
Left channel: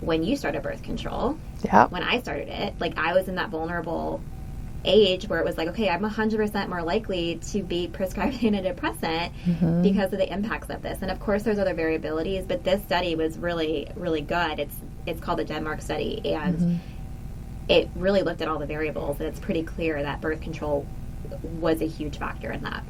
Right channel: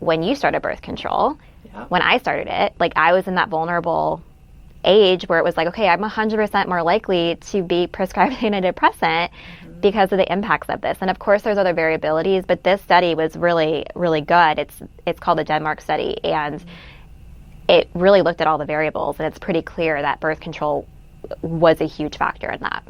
when you started birth control, when I started it, like I was in that vulnerable age where it was like, okay, I'm 100% more likely to be prescribed antidepressant because of the impacts of this. And of course, there's other variabilities, but this study was really, really good. It's called the Denmark study, and it really looked at all the variables, and it's pretty clear that birth control was a huge factor in that.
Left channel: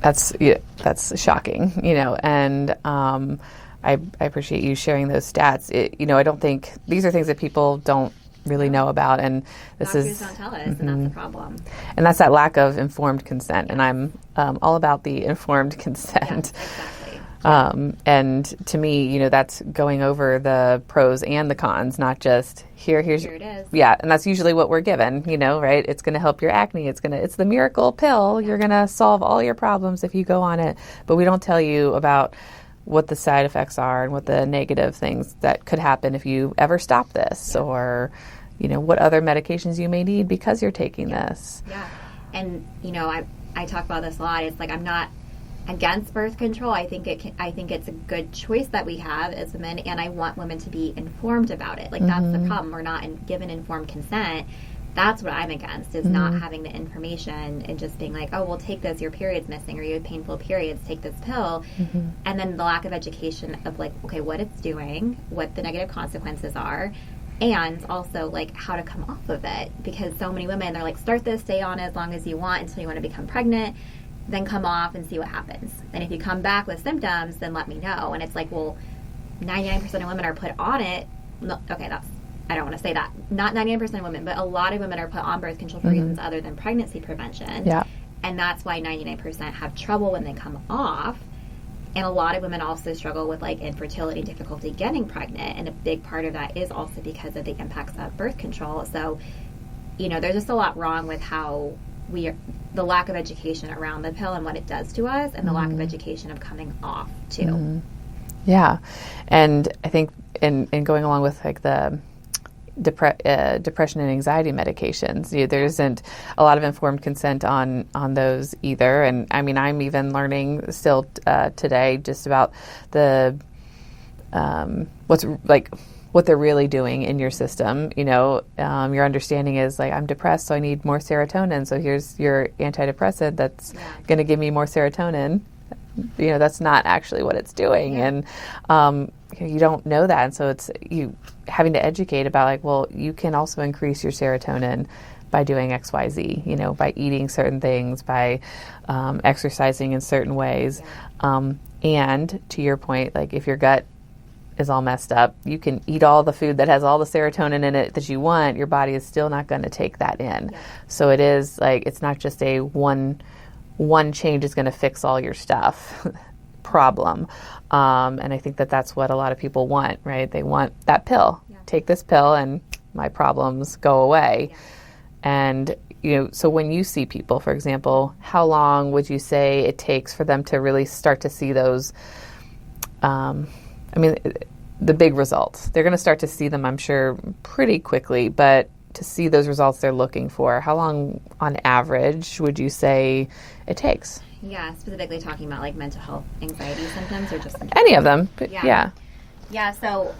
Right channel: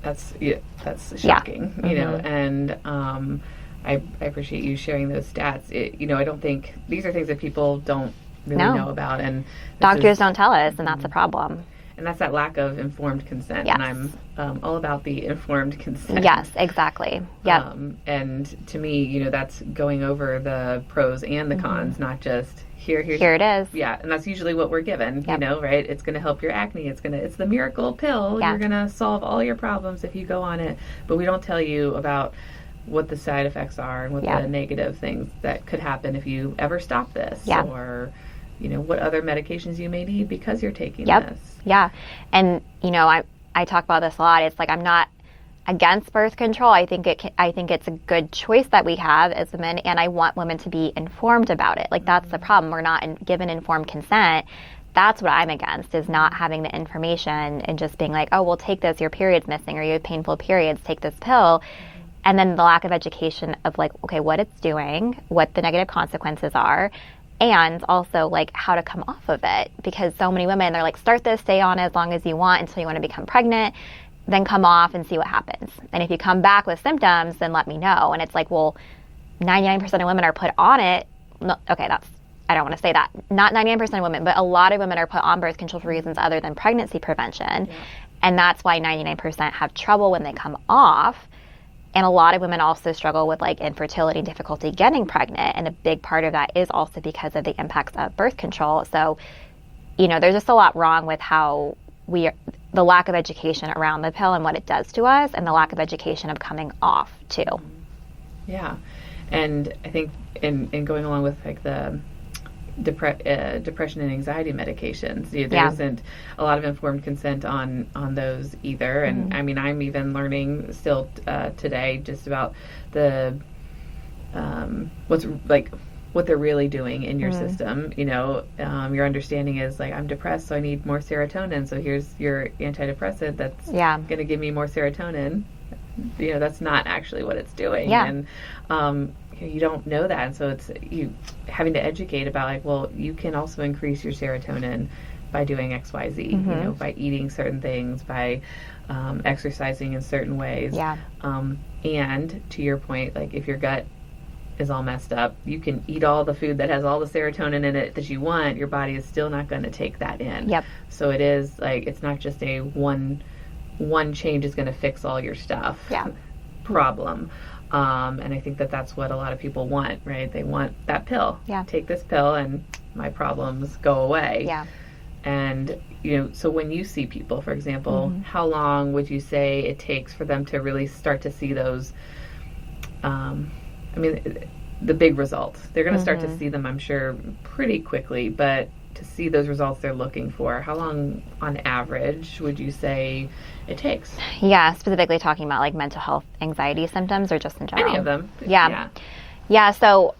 That's shocking, you know, and I appreciate you sharing those stats. I don't think these are things that people don't really know about, and doctors don't tell us, and that's the problem. And that's that lack of informed consent, and I'm all about the informed consent. Yes, exactly. Yep. And to me, that's going over the pros and the cons, not just here it is. Yeah, and that's usually what we're given, right? It's going to help your acne. It's the miracle pill. You're going to solve all your problems if you go on it. But we don't tell you about what the side effects are and what the negative things that could happen if you ever stop this, or what other medications you may need because you're taking this. Yeah. And I talk about this a lot. It's like I'm not against birth control. I think it's a good choice that we have as women, and I want women to be informed about it. Like that's the problem. We're not given informed consent. That's what I'm against, is not having the information and just being like, oh, well, take this, your period's missing, or you have painful periods, take this pill. And then the lack of education of like, okay, what it's doing, what the negative consequences are, and also like how to come off of it. Because so many women, they're like, start this, stay on it as long as you want until you want to become pregnant, then come off and see what happens. And if you come back with symptoms, then let me know. And it's like, well, 99% of women are put on it. No, okay, I don't want to say that. Not 99% of women, but a lot of women are put on birth control for reasons other than pregnancy prevention. Yeah. And that's why 99% have trouble when they come off. And a lot of women also struggle with like infertility, difficulty getting pregnant. And a big part of that is also because of the impacts of birth control. So, there's just a lot wrong with how the lack of education around the pill and what it does to us, and the lack of education of coming off too. Yeah. And I think in going along with like the depression and anxiety medications, there isn't a lot of informed consent on those either. And I'm even learning still today just about the what they're really doing in your system. Your understanding is like, I'm depressed, so I need more serotonin, so here's your antidepressant that's going to give me more serotonin. That's not actually what it's doing. And you don't know that, and so it's you having to educate about like, well, you can also increase your serotonin by doing XYZ, by eating certain things, by exercising in certain ways. And to your point, like if your gut is all messed up, you can eat all the food that has all the serotonin in it that you want, your body is still not going to take that in. So it is like, it's not just a one change is going to fix all your stuff problem. And I think that's what a lot of people want, right? They want that pill. Take this pill and my problems go away. And, so when you see people, for example, how long would you say it takes for them to really start to see those, the big results? They're going to start to see them, I'm sure, pretty quickly, but to see those results they're looking for, how long on average would you say it takes? Yeah, specifically talking about like mental health, anxiety symptoms, or just in general? Any of them. Yeah, so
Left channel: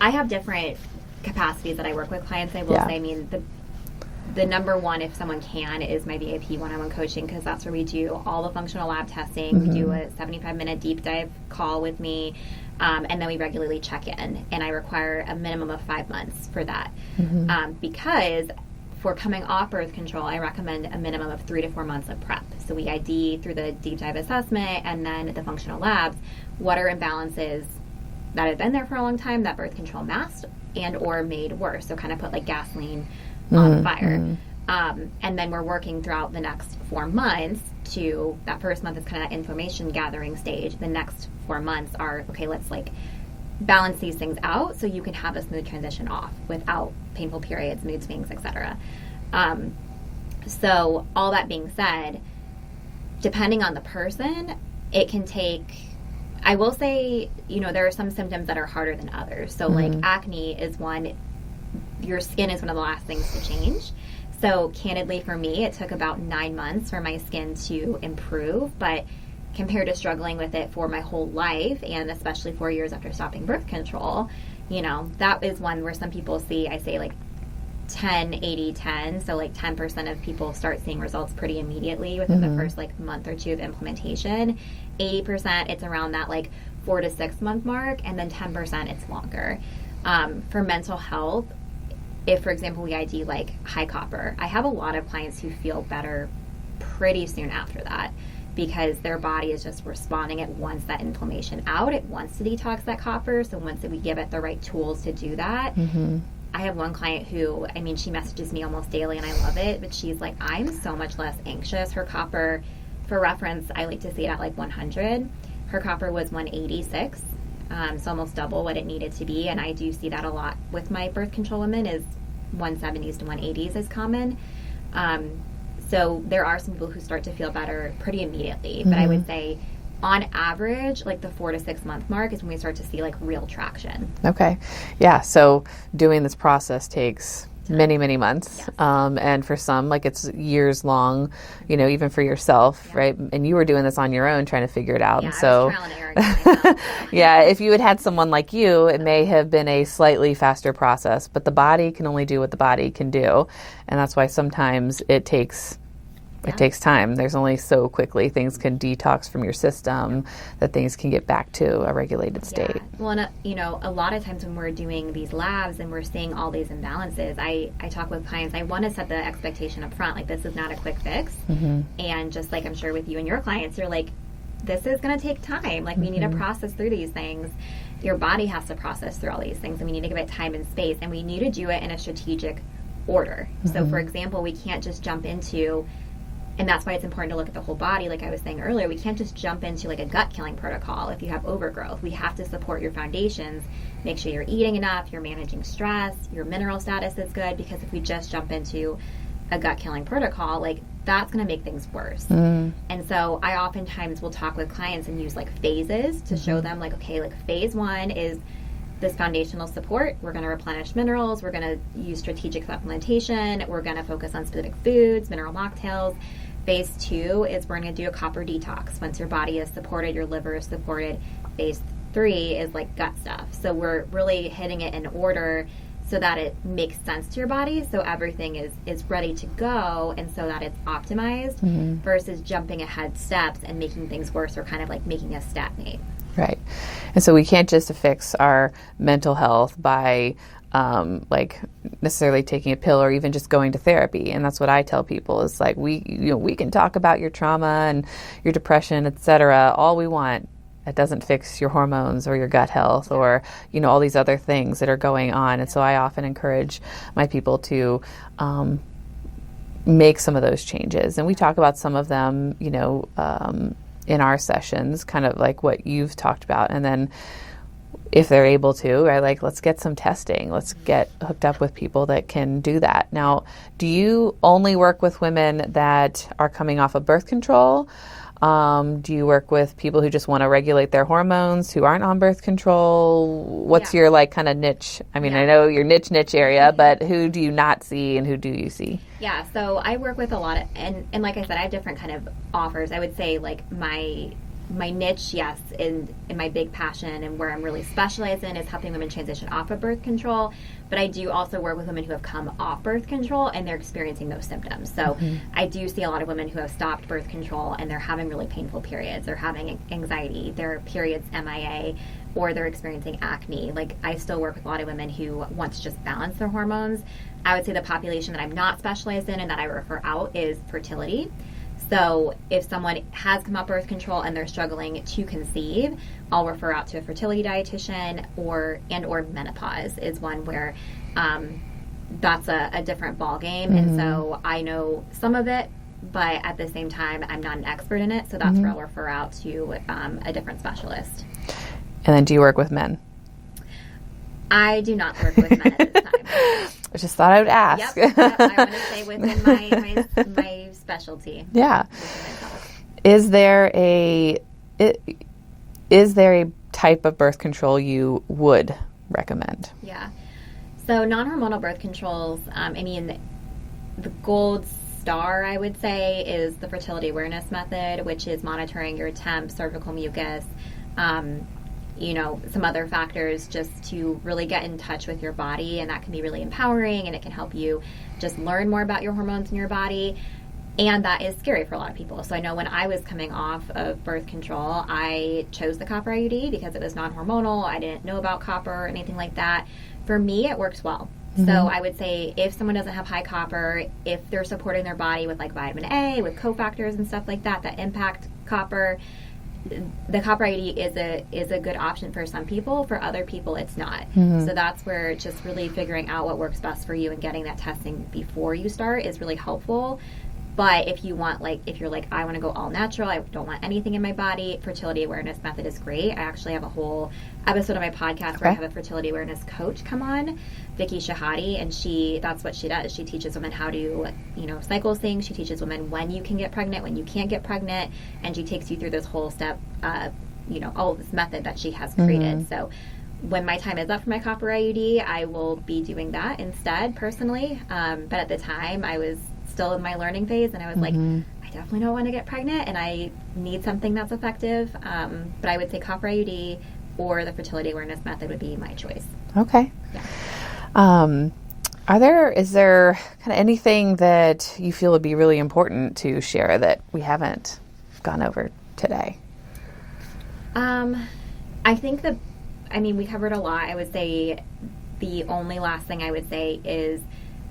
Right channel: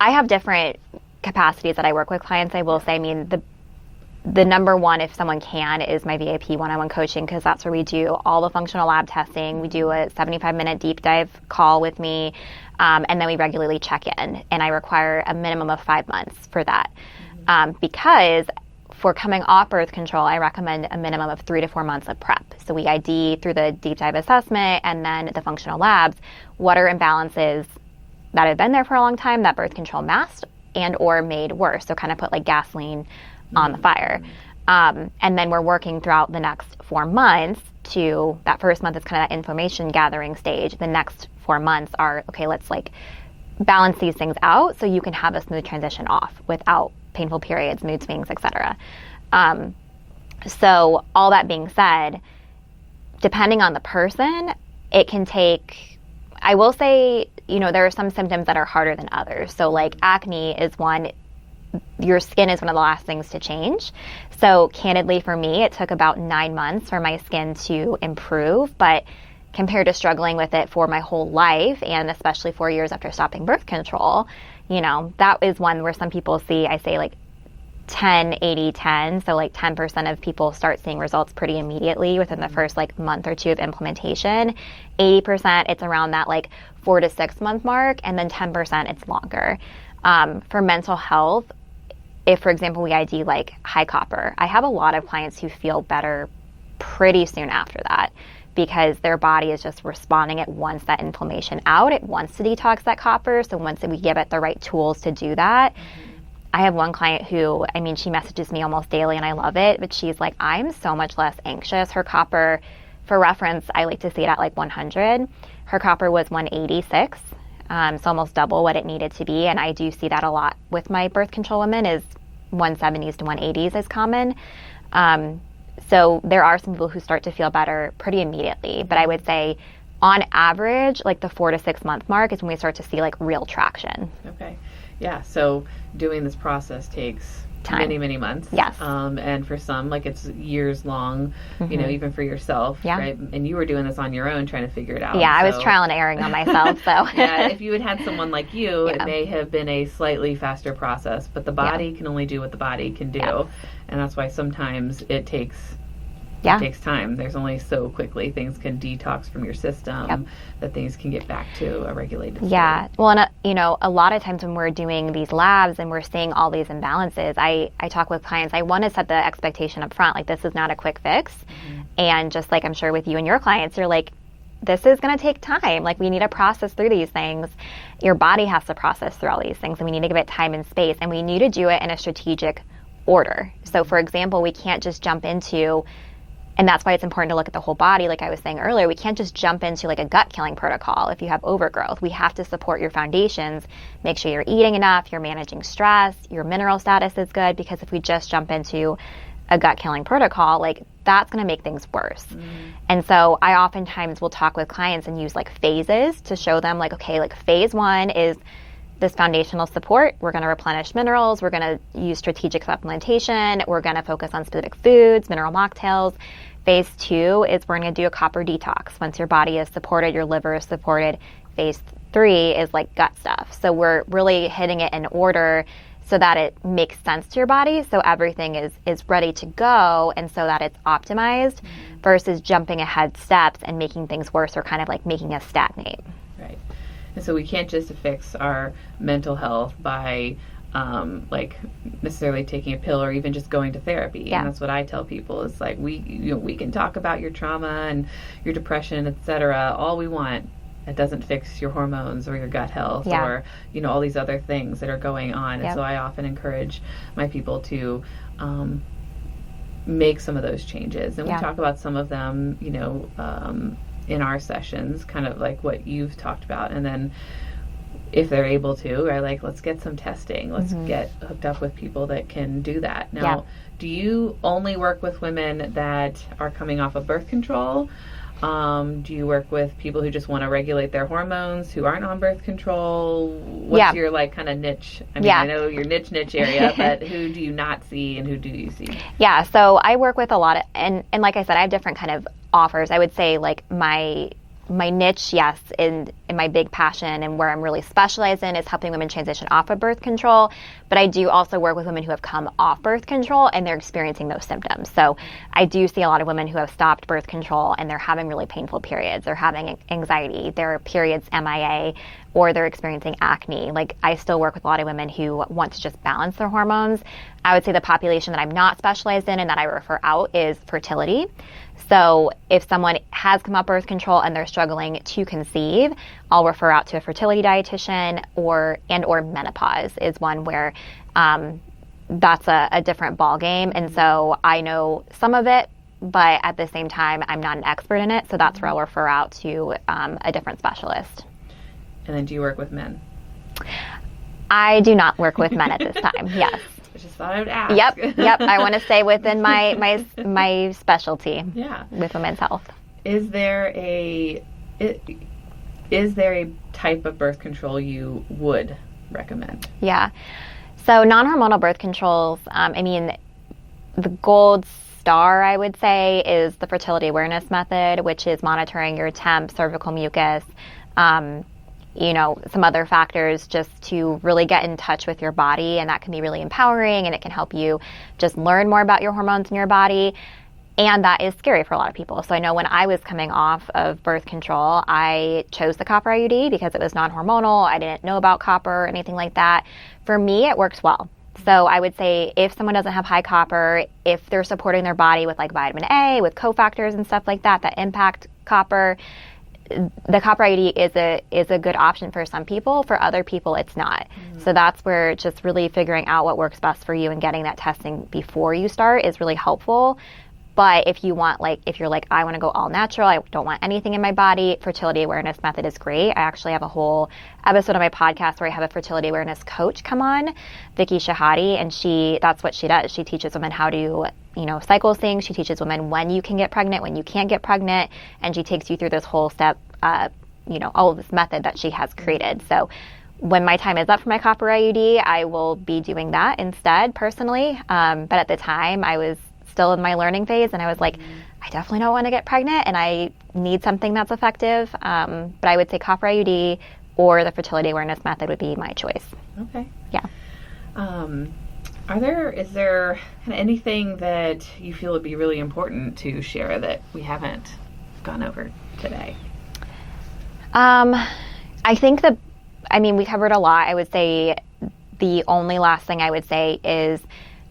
I have different capacities that I work with clients. I will say, I mean, the number one, if someone can, is my VIP one-on-one coaching, because that's where we do all the functional lab testing. We do a 75-minute deep dive call with me, and then we regularly check in. And I require a minimum of 5 months for that. Because for coming off birth control, I recommend a minimum of 3 to 4 months of prep. So we ID through the deep dive assessment and then the functional labs, what are imbalances that have been there for a long time that birth control masked and or made worse. So kind of put like gasoline on the fire. And then we're working throughout the next 4 months to, that first month is kind of that information gathering stage. The next 4 months are, okay, let's like balance these things out so you can have a smooth transition off without painful periods, mood swings, etc. So all that being said, depending on the person, it can take, I will say, there are some symptoms that are harder than others. So like acne is one. Your skin is one of the last things to change. So candidly for me, it took about 9 months for my skin to improve, but compared to struggling with it for my whole life, and especially 4 years after stopping birth control, that is one where some people see, I say like 10, 80, 10. So like 10% of people start seeing results pretty immediately within the first like month or two of implementation. 80%, it's around that like 4 to 6 month mark, and then 10% it's longer. For mental health, if, for example, we ID like high copper, I have a lot of clients who feel better pretty soon after that because their body is just responding. It wants that inflammation out. It wants to detox that copper. So once we give it the right tools to do that, I have one client who, she messages me almost daily and I love it, but she's like, I'm so much less anxious. Her copper, for reference, I like to see it at like 100. Her copper was 186. So almost double what it needed to be. And I do see that a lot with my birth control women, is 170s to 180s is common. So there are some people who start to feel better pretty immediately. But I would say on average, like the 4 to 6 month mark is when we start to see like real traction. Okay. Yeah. So doing this process takes time. Many months. Yes. And for some, like it's years long, even for yourself, right? And you were doing this on your own, trying to figure it out. Yeah, I was trial and erroring on myself. So yeah, if you had someone like you, it may have been a slightly faster process, but the body can only do what the body can do. And that's why sometimes it takes time. There's only so quickly things can detox from your system that things can get back to a regulated state. Yeah. Well, and a lot of times when we're doing these labs and we're seeing all these imbalances, I talk with clients, I want to set the expectation up front. Like, this is not a quick fix. And just like I'm sure with you and your clients, you're like, this is going to take time. Like, we need to process through these things. Your body has to process through all these things, and we need to give it time and space, and we need to do it in a strategic order. So, for example, we can't just jump into, and that's why it's important to look at the whole body. Like I was saying earlier, we can't just jump into like a gut killing protocol if you have overgrowth. We have to support your foundations, make sure you're eating enough, you're managing stress, your mineral status is good, because if we just jump into a gut killing protocol, like that's going to make things worse. And so I oftentimes will talk with clients and use like phases to show them like, okay, like phase 1 is this foundational support. We're going to replenish minerals. We're going to use strategic supplementation. We're going to focus on specific foods, mineral mocktails. Phase 2 is we're going to do a copper detox. Once your body is supported, your liver is supported. Phase 3 is like gut stuff. So we're really hitting it in order so that it makes sense to your body, so everything is ready to go, and so that it's optimized versus jumping ahead steps and making things worse, or kind of like making us stagnate. Right. And so we can't just fix our mental health by like necessarily taking a pill or even just going to therapy. And that's what I tell people is like, we can talk about your trauma and your depression, etc. all we want. It doesn't fix your hormones or your gut health or, all these other things that are going on. And so I often encourage my people to make some of those changes. And we talk about some of them, in our sessions, kind of like what you've talked about. And then if they're able to, are like, let's get some testing. Let's get hooked up with people that can do that. Now, do you only work with women that are coming off of birth control? Do you work with people who just want to regulate their hormones, who aren't on birth control? What's your like kind of niche? I mean, I know your niche area, but who do you not see and who do you see? Yeah, so I work with a lot of, and like I said, I have different kind of offers. I would say like my niche, yes, and my big passion and where I'm really specialized in is helping women transition off of birth control. But I do also work with women who have come off birth control and they're experiencing those symptoms. So I do see a lot of women who have stopped birth control and they're having really painful periods. They're having anxiety, their periods MIA, or they're experiencing acne. Like, I still work with a lot of women who want to just balance their hormones. I would say the population that I'm not specialized in and that I refer out is fertility. So if someone has come off birth control and they're struggling to conceive, I'll refer out to a fertility dietitian, or menopause is one where that's a different ball game. And so I know some of it, but at the same time, I'm not an expert in it. So that's where I'll refer out to a different specialist. And then do you work with men? I do not work with men at this time. Yes. I just thought I would ask. Yep. I want to stay within my specialty. Yeah. With women's health. Is there a type of birth control you would recommend? Yeah. So non-hormonal birth controls, I mean, the gold star, I would say, is the fertility awareness method, which is monitoring your temp, cervical mucus, some other factors just to really get in touch with your body. And that can be really empowering, and it can help you just learn more about your hormones in your body. And that is scary for a lot of people. So I know when I was coming off of birth control, I chose the copper IUD because it was non-hormonal. I didn't know about copper or anything like that. For me, it works well. So I would say if someone doesn't have high copper, if they're supporting their body with like vitamin A, with cofactors and stuff like that impact copper, the copper IUD is a good option for some people. For other people, it's not. So that's where just really figuring out what works best for you and getting that testing before you start is really helpful. But if you want, if you're like, I want to go all natural, I don't want anything in my body, fertility awareness method is great. I actually have a whole episode of my podcast where I have a fertility awareness coach come on, Vicky Shahadi, and that's what she does. She teaches women how to, cycle things. She teaches women when you can get pregnant, when you can't get pregnant, and she takes you through this whole step, all of this method that she has created. So when my time is up for my copper IUD, I will be doing that instead, personally. But at the time, I was still in my learning phase, and I was like, I definitely don't want to get pregnant, and I need something that's effective. But I would say copper IUD or the fertility awareness method would be my choice. Okay. Yeah. Is there kind of anything that you feel would be really important to share that we haven't gone over today? I think we covered a lot. I would say the only last thing I would say is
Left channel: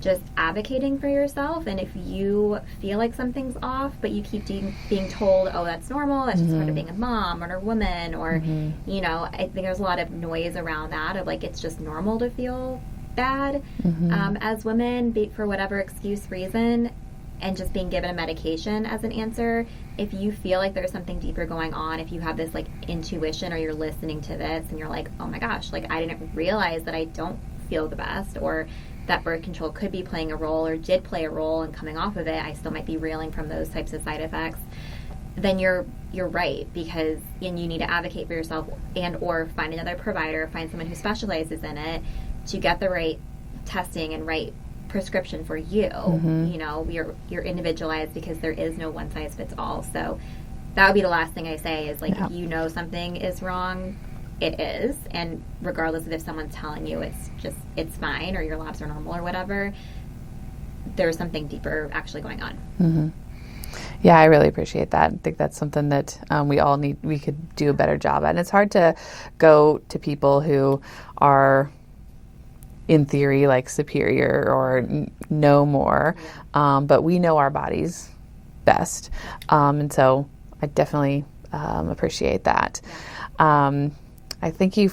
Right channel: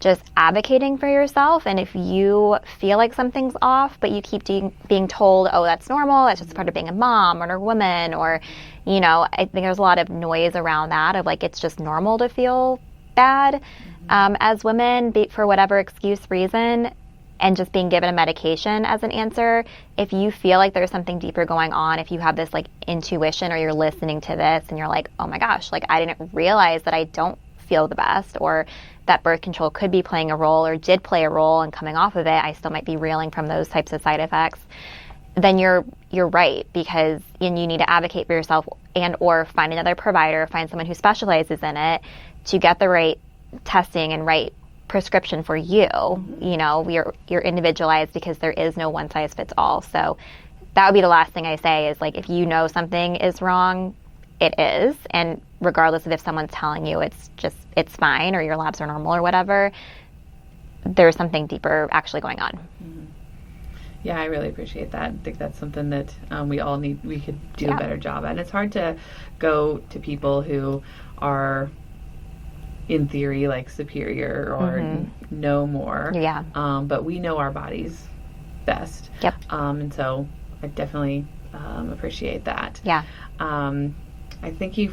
just advocating for yourself. And if you feel like something's off, but you keep being told, oh, that's normal, that's just part of being a mom or a woman, or, I think there's a lot of noise around that of like, it's just normal to feel bad as women for whatever excuse reason, and just being given a medication as an answer. If you feel like there's something deeper going on, if you have this like intuition, or you're listening to this and you're like, oh my gosh, like I didn't realize that I don't feel the best, or that birth control could be playing a role or did play a role in coming off of it, I still might be reeling from those types of side effects, then you're right, because you need to advocate for yourself and or find another provider, find someone who specializes in it to get the right testing and right prescription for you. You're individualized, because there is no one size fits all. So that would be the last thing I say is if you know something is wrong, it is, and regardless of if someone's telling you it's fine or your labs are normal or whatever, there's something deeper actually going on. Yeah, I really appreciate that. I think that's something that we could do a better job at. And it's hard to go to people who are in theory like superior or know more. Yeah. But we know our bodies best. Yep. And so I definitely appreciate that. Yeah. I thank you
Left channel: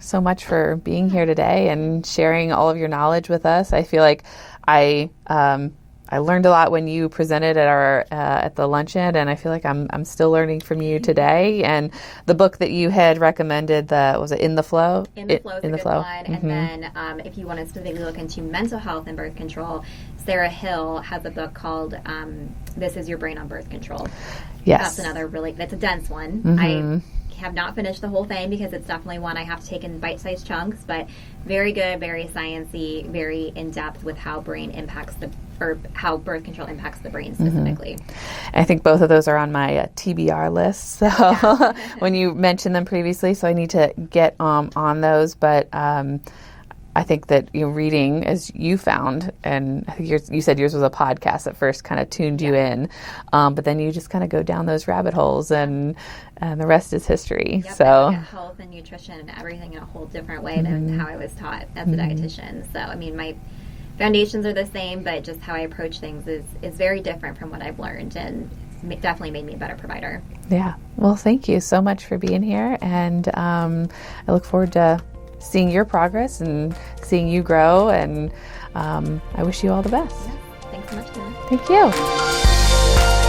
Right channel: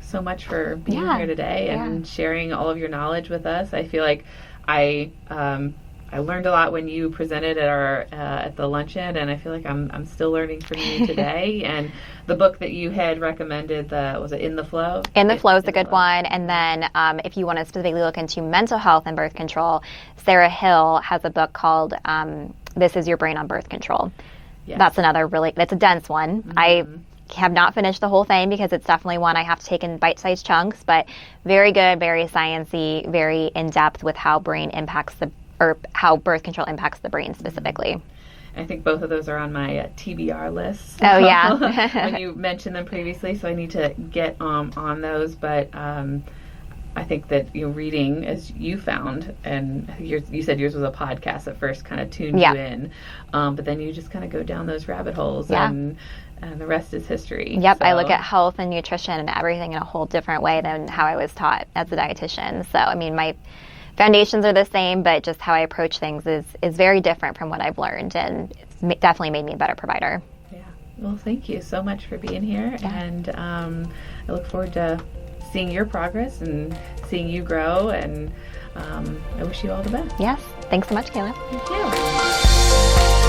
so much for being here today and sharing all of your knowledge with us. I feel like I I learned a lot when you presented at our at the luncheon, and I feel like I'm still learning from you today. And the book that you had recommended, was it In the Flow? In the Flow is a good one. And then if you want to specifically look into mental health and birth control, Sarah Hill has a book called This Is Your Brain on Birth Control. Yes. That's another that's a dense one. I have not finished the whole thing because it's definitely one I have to take in bite-sized chunks, but very good, very sciencey, very in-depth with how how birth control impacts the brain specifically. I think both of those are on my TBR list. So oh, yeah. when you mentioned them previously, so I need to get on those. But I think that reading, as you found, and I think you said yours was a podcast at first, kind of tuned you in, but then you just kind of go down those rabbit holes, and the rest is history. Yep, so. I look at health and nutrition and everything in a whole different way than how I was taught as a dietitian. So, I mean, my foundations are the same, but just how I approach things is very different from what I've learned, and it's definitely made me a better provider. Yeah. Well, thank you so much for being here, and I look forward to seeing your progress and seeing you grow, and I wish you all the best. Yes. Thanks so much, Kaela. Thank you.